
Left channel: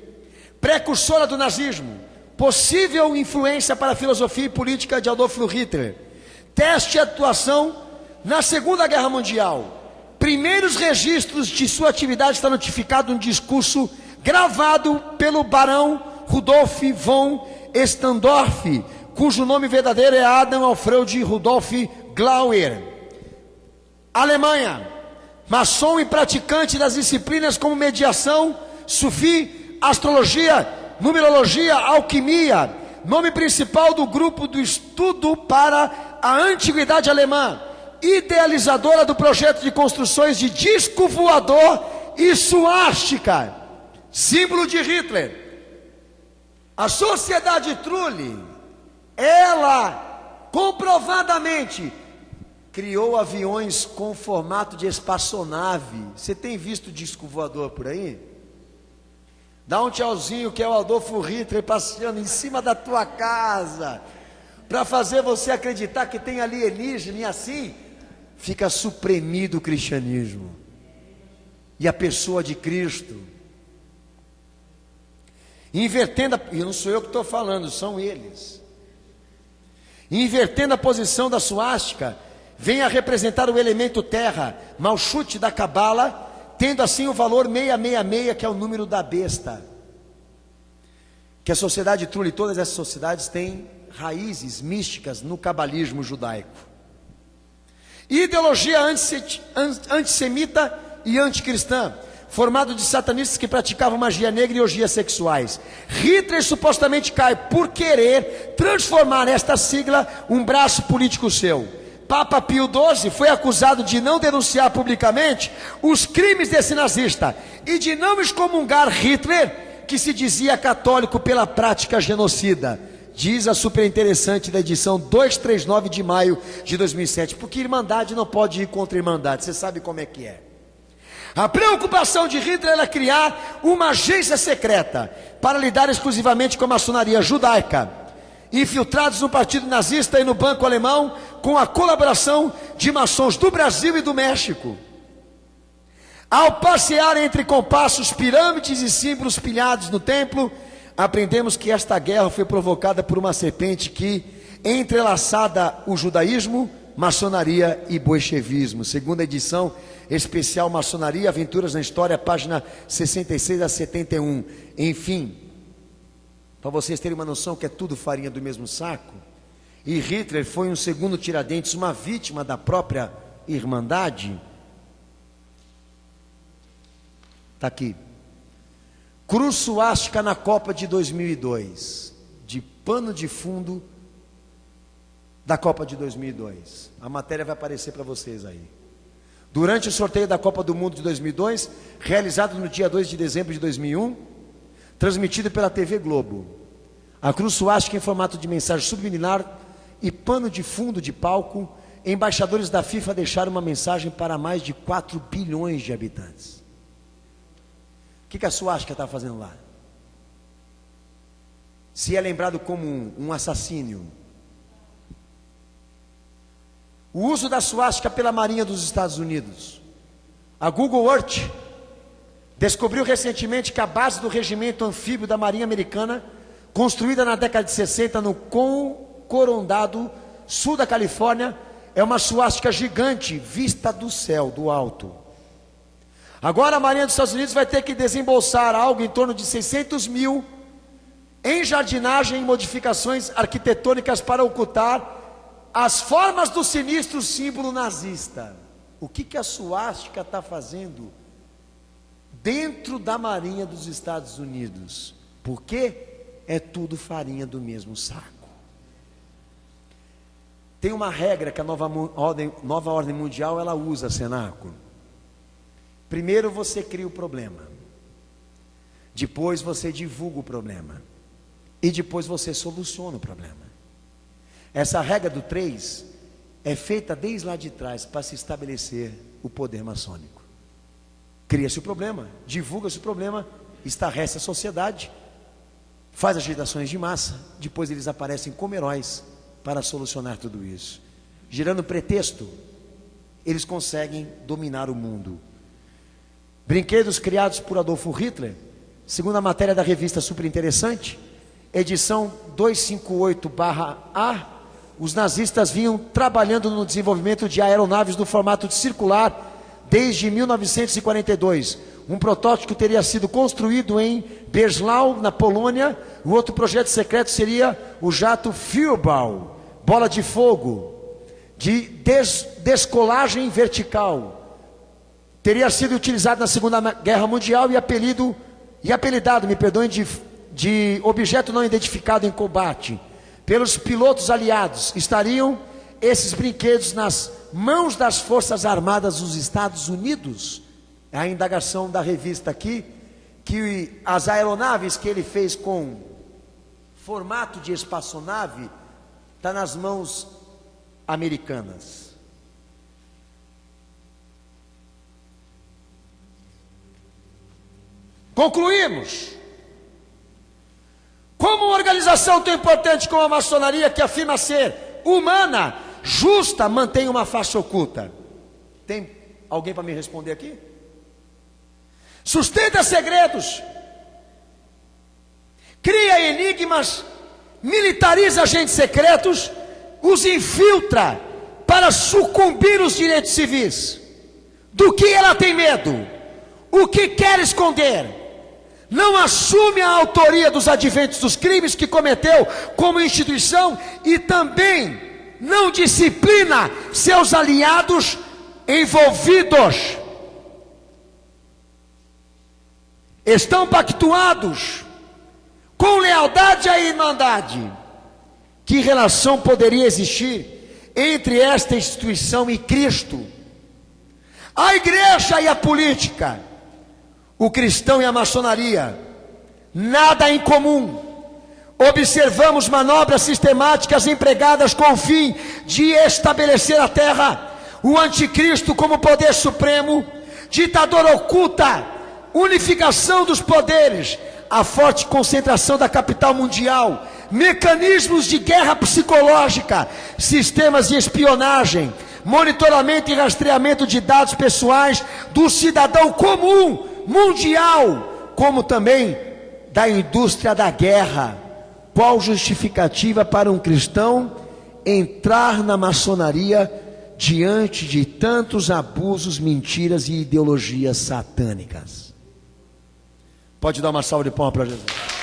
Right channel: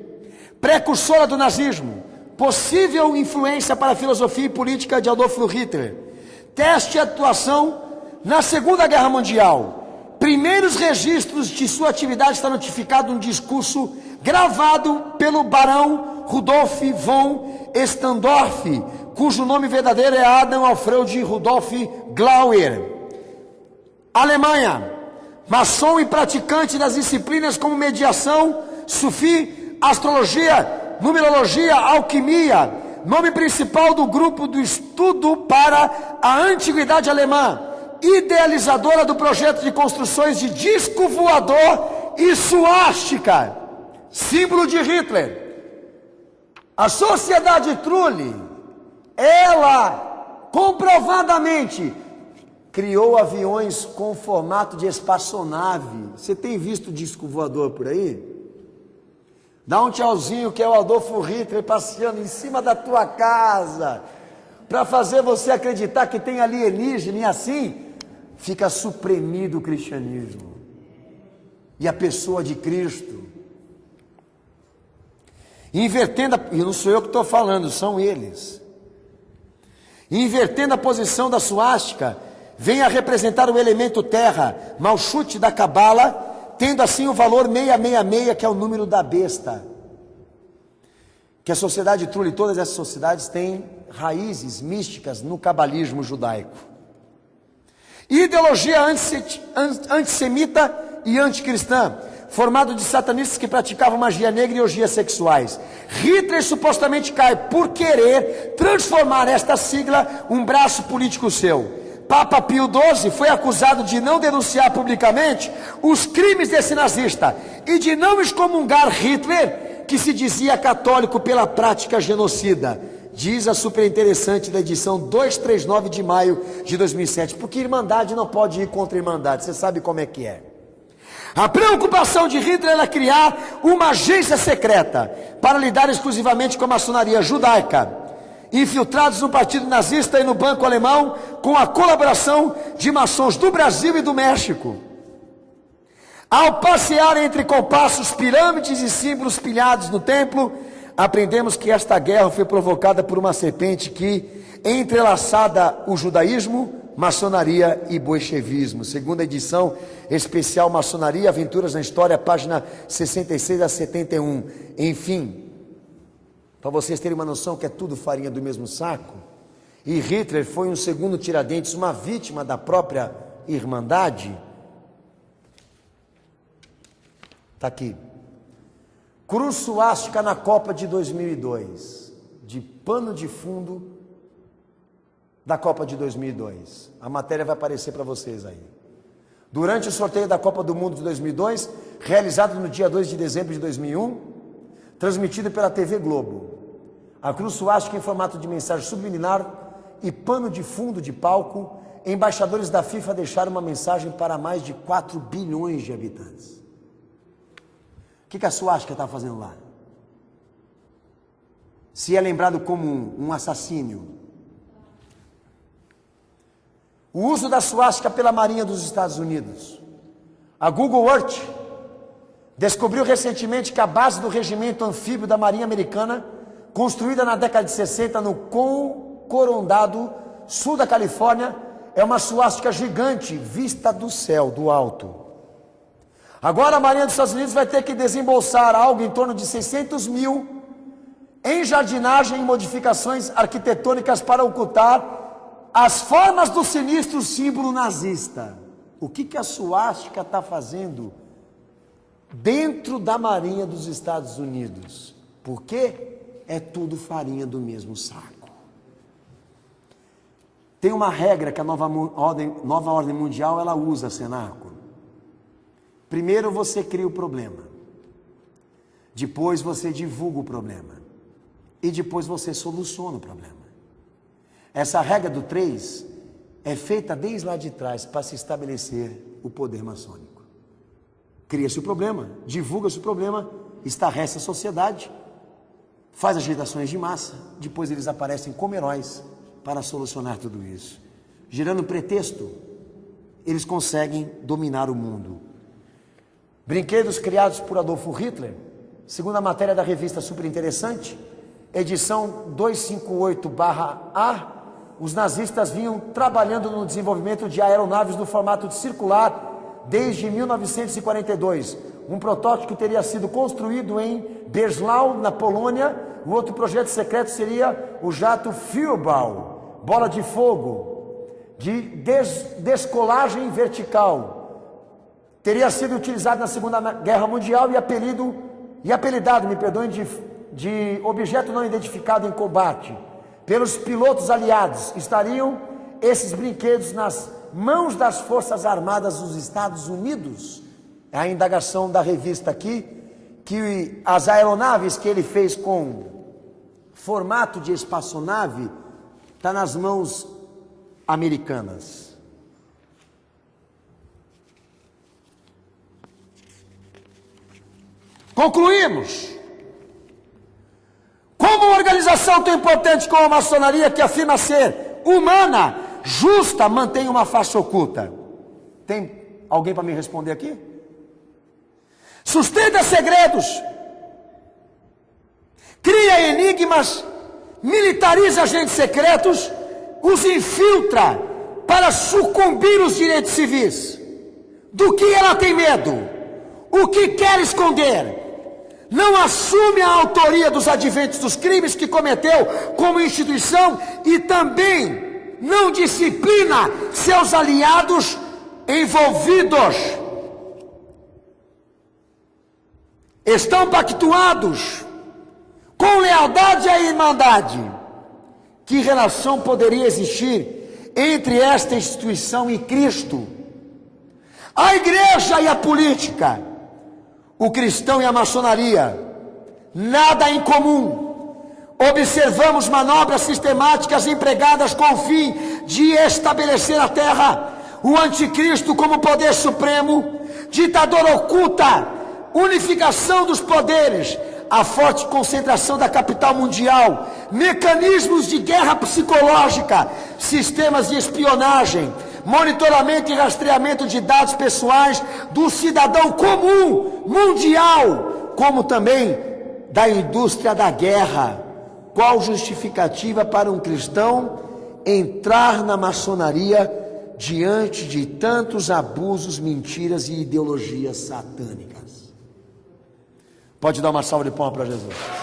precursora do nazismo, possível influência para a filosofia e política de Adolf Hitler, teste e atuação na Segunda Guerra Mundial. Primeiros registros de sua atividade está notificado um discurso gravado pelo barão Rudolf von Stendorf, cujo nome verdadeiro é Adam Alfred Rudolf Glauer. Alemanha, maçom e praticante das disciplinas como mediação, sufi, astrologia, numerologia, alquimia, nome principal do grupo do estudo para a antiguidade alemã, idealizadora do projeto de construções de disco voador e suástica, símbolo de Hitler. A Sociedade Trulli, ela comprovadamente criou aviões com formato de espaçonave. Você tem visto disco voador por aí? Dá um tchauzinho que é o Adolfo Hitler passeando em cima da tua casa, para fazer você acreditar que tem alienígena, e assim fica suprimido o cristianismo e a pessoa de Cristo. Invertendo, e não sou eu que estou falando, são eles. Invertendo a posição da suástica, vem a representar o elemento terra, Malchut da Cabala, tendo assim o valor 666, que é o número da besta. Que a Sociedade Trulli, todas essas sociedades têm raízes místicas no cabalismo judaico. Ideologia antissemita e anticristã, formado de satanistas que praticavam magia negra e orgias sexuais. Hitler supostamente cai por querer transformar esta sigla um braço político seu. Papa Pio XII foi acusado de não denunciar publicamente os crimes desse nazista e de não excomungar Hitler, que se dizia católico pela prática genocida. Diz a superinteressante da edição 239 de maio de 2007, porque Irmandade não pode ir contra Irmandade, você sabe como é que é. A preocupação de Hitler era criar uma agência secreta para lidar exclusivamente com a maçonaria judaica, infiltrados no partido nazista e no banco alemão, com a colaboração de maçons do Brasil e do México. Ao passear entre compassos, pirâmides e símbolos pilhados no templo, aprendemos que esta guerra foi provocada por uma serpente que entrelaçada o judaísmo, maçonaria e bolchevismo. Segunda edição especial Maçonaria, Aventuras na História, página 66 a 71. Enfim, para vocês terem uma noção que é tudo farinha do mesmo saco, e Hitler foi um segundo Tiradentes, uma vítima da própria Irmandade. Está aqui. Cruz suástica na Copa de 2002, de pano de fundo da Copa de 2002. A matéria vai aparecer para vocês aí. Durante o sorteio da Copa do Mundo de 2002, realizado no dia 2 de dezembro de 2001, transmitido pela TV Globo, a cruz suástica em formato de mensagem subliminar e pano de fundo de palco, embaixadores da FIFA deixaram uma mensagem para mais de 4 bilhões de habitantes. O que a suástica está fazendo lá? Se é lembrado como um assassínio. O uso da suástica pela Marinha dos Estados Unidos. A Google Earth descobriu recentemente que a base do regimento anfíbio da Marinha Americana, construída na década de 60 no Coronado, sul da Califórnia, é uma suástica gigante vista do céu, do alto. Agora a Marinha dos Estados Unidos vai ter que desembolsar algo em torno de 600 mil em jardinagem e modificações arquitetônicas para ocultar as formas do sinistro símbolo nazista. O que a suástica está fazendo dentro da Marinha dos Estados Unidos? Porque é tudo farinha do mesmo saco. Tem uma regra que a nova ordem mundial ela usa, cenáculo. Primeiro você cria o problema, depois você divulga o problema e depois você soluciona o problema. Essa regra do 3 é feita desde lá de trás para se estabelecer o poder maçônico. Cria-se o problema, divulga-se o problema, estarrece a sociedade, faz agitações de massa, depois eles aparecem como heróis para solucionar tudo isso. Gerando pretexto, eles conseguem dominar o mundo. Brinquedos criados por Adolfo Hitler, segundo a matéria da revista Superinteressante, edição 258/A, os nazistas vinham trabalhando no desenvolvimento de aeronaves no formato circular desde 1942. Um protótipo teria sido construído em Breslau, na Polônia. O outro projeto secreto seria o jato Feuerball, bola de fogo, de descolagem vertical. Teria sido utilizado na Segunda Guerra Mundial e apelidado, de objeto não identificado em combate. Pelos pilotos aliados, estariam esses brinquedos nas mãos das Forças Armadas dos Estados Unidos? É a indagação da revista aqui, que as aeronaves que ele fez com formato de espaçonave, está nas mãos americanas. Concluímos. Como uma organização tão importante como a maçonaria, que afirma ser humana, justa, mantém uma face oculta? Tem alguém para me responder aqui? Sustenta segredos, cria enigmas, militariza agentes secretos, os infiltra para sucumbir os direitos civis. Do que ela tem medo? O que quer esconder? Não assume a autoria dos adventos dos crimes que cometeu como instituição e também não disciplina seus aliados envolvidos. estão pactuados com lealdade à irmandade. Que relação poderia existir entre esta instituição e Cristo? A igreja e a política, o cristão e a maçonaria, nada em comum. Observamos manobras sistemáticas empregadas com o fim de estabelecer a terra, o anticristo como poder supremo, ditador oculta, unificação dos poderes, a forte concentração da capital mundial, mecanismos de guerra psicológica, sistemas de espionagem, monitoramento e rastreamento de dados pessoais do cidadão comum mundial, como também da indústria da guerra. Qual justificativa para um cristão entrar na maçonaria diante de tantos abusos, mentiras e ideologias satânicas? Pode dar uma salva de palmas para Jesus.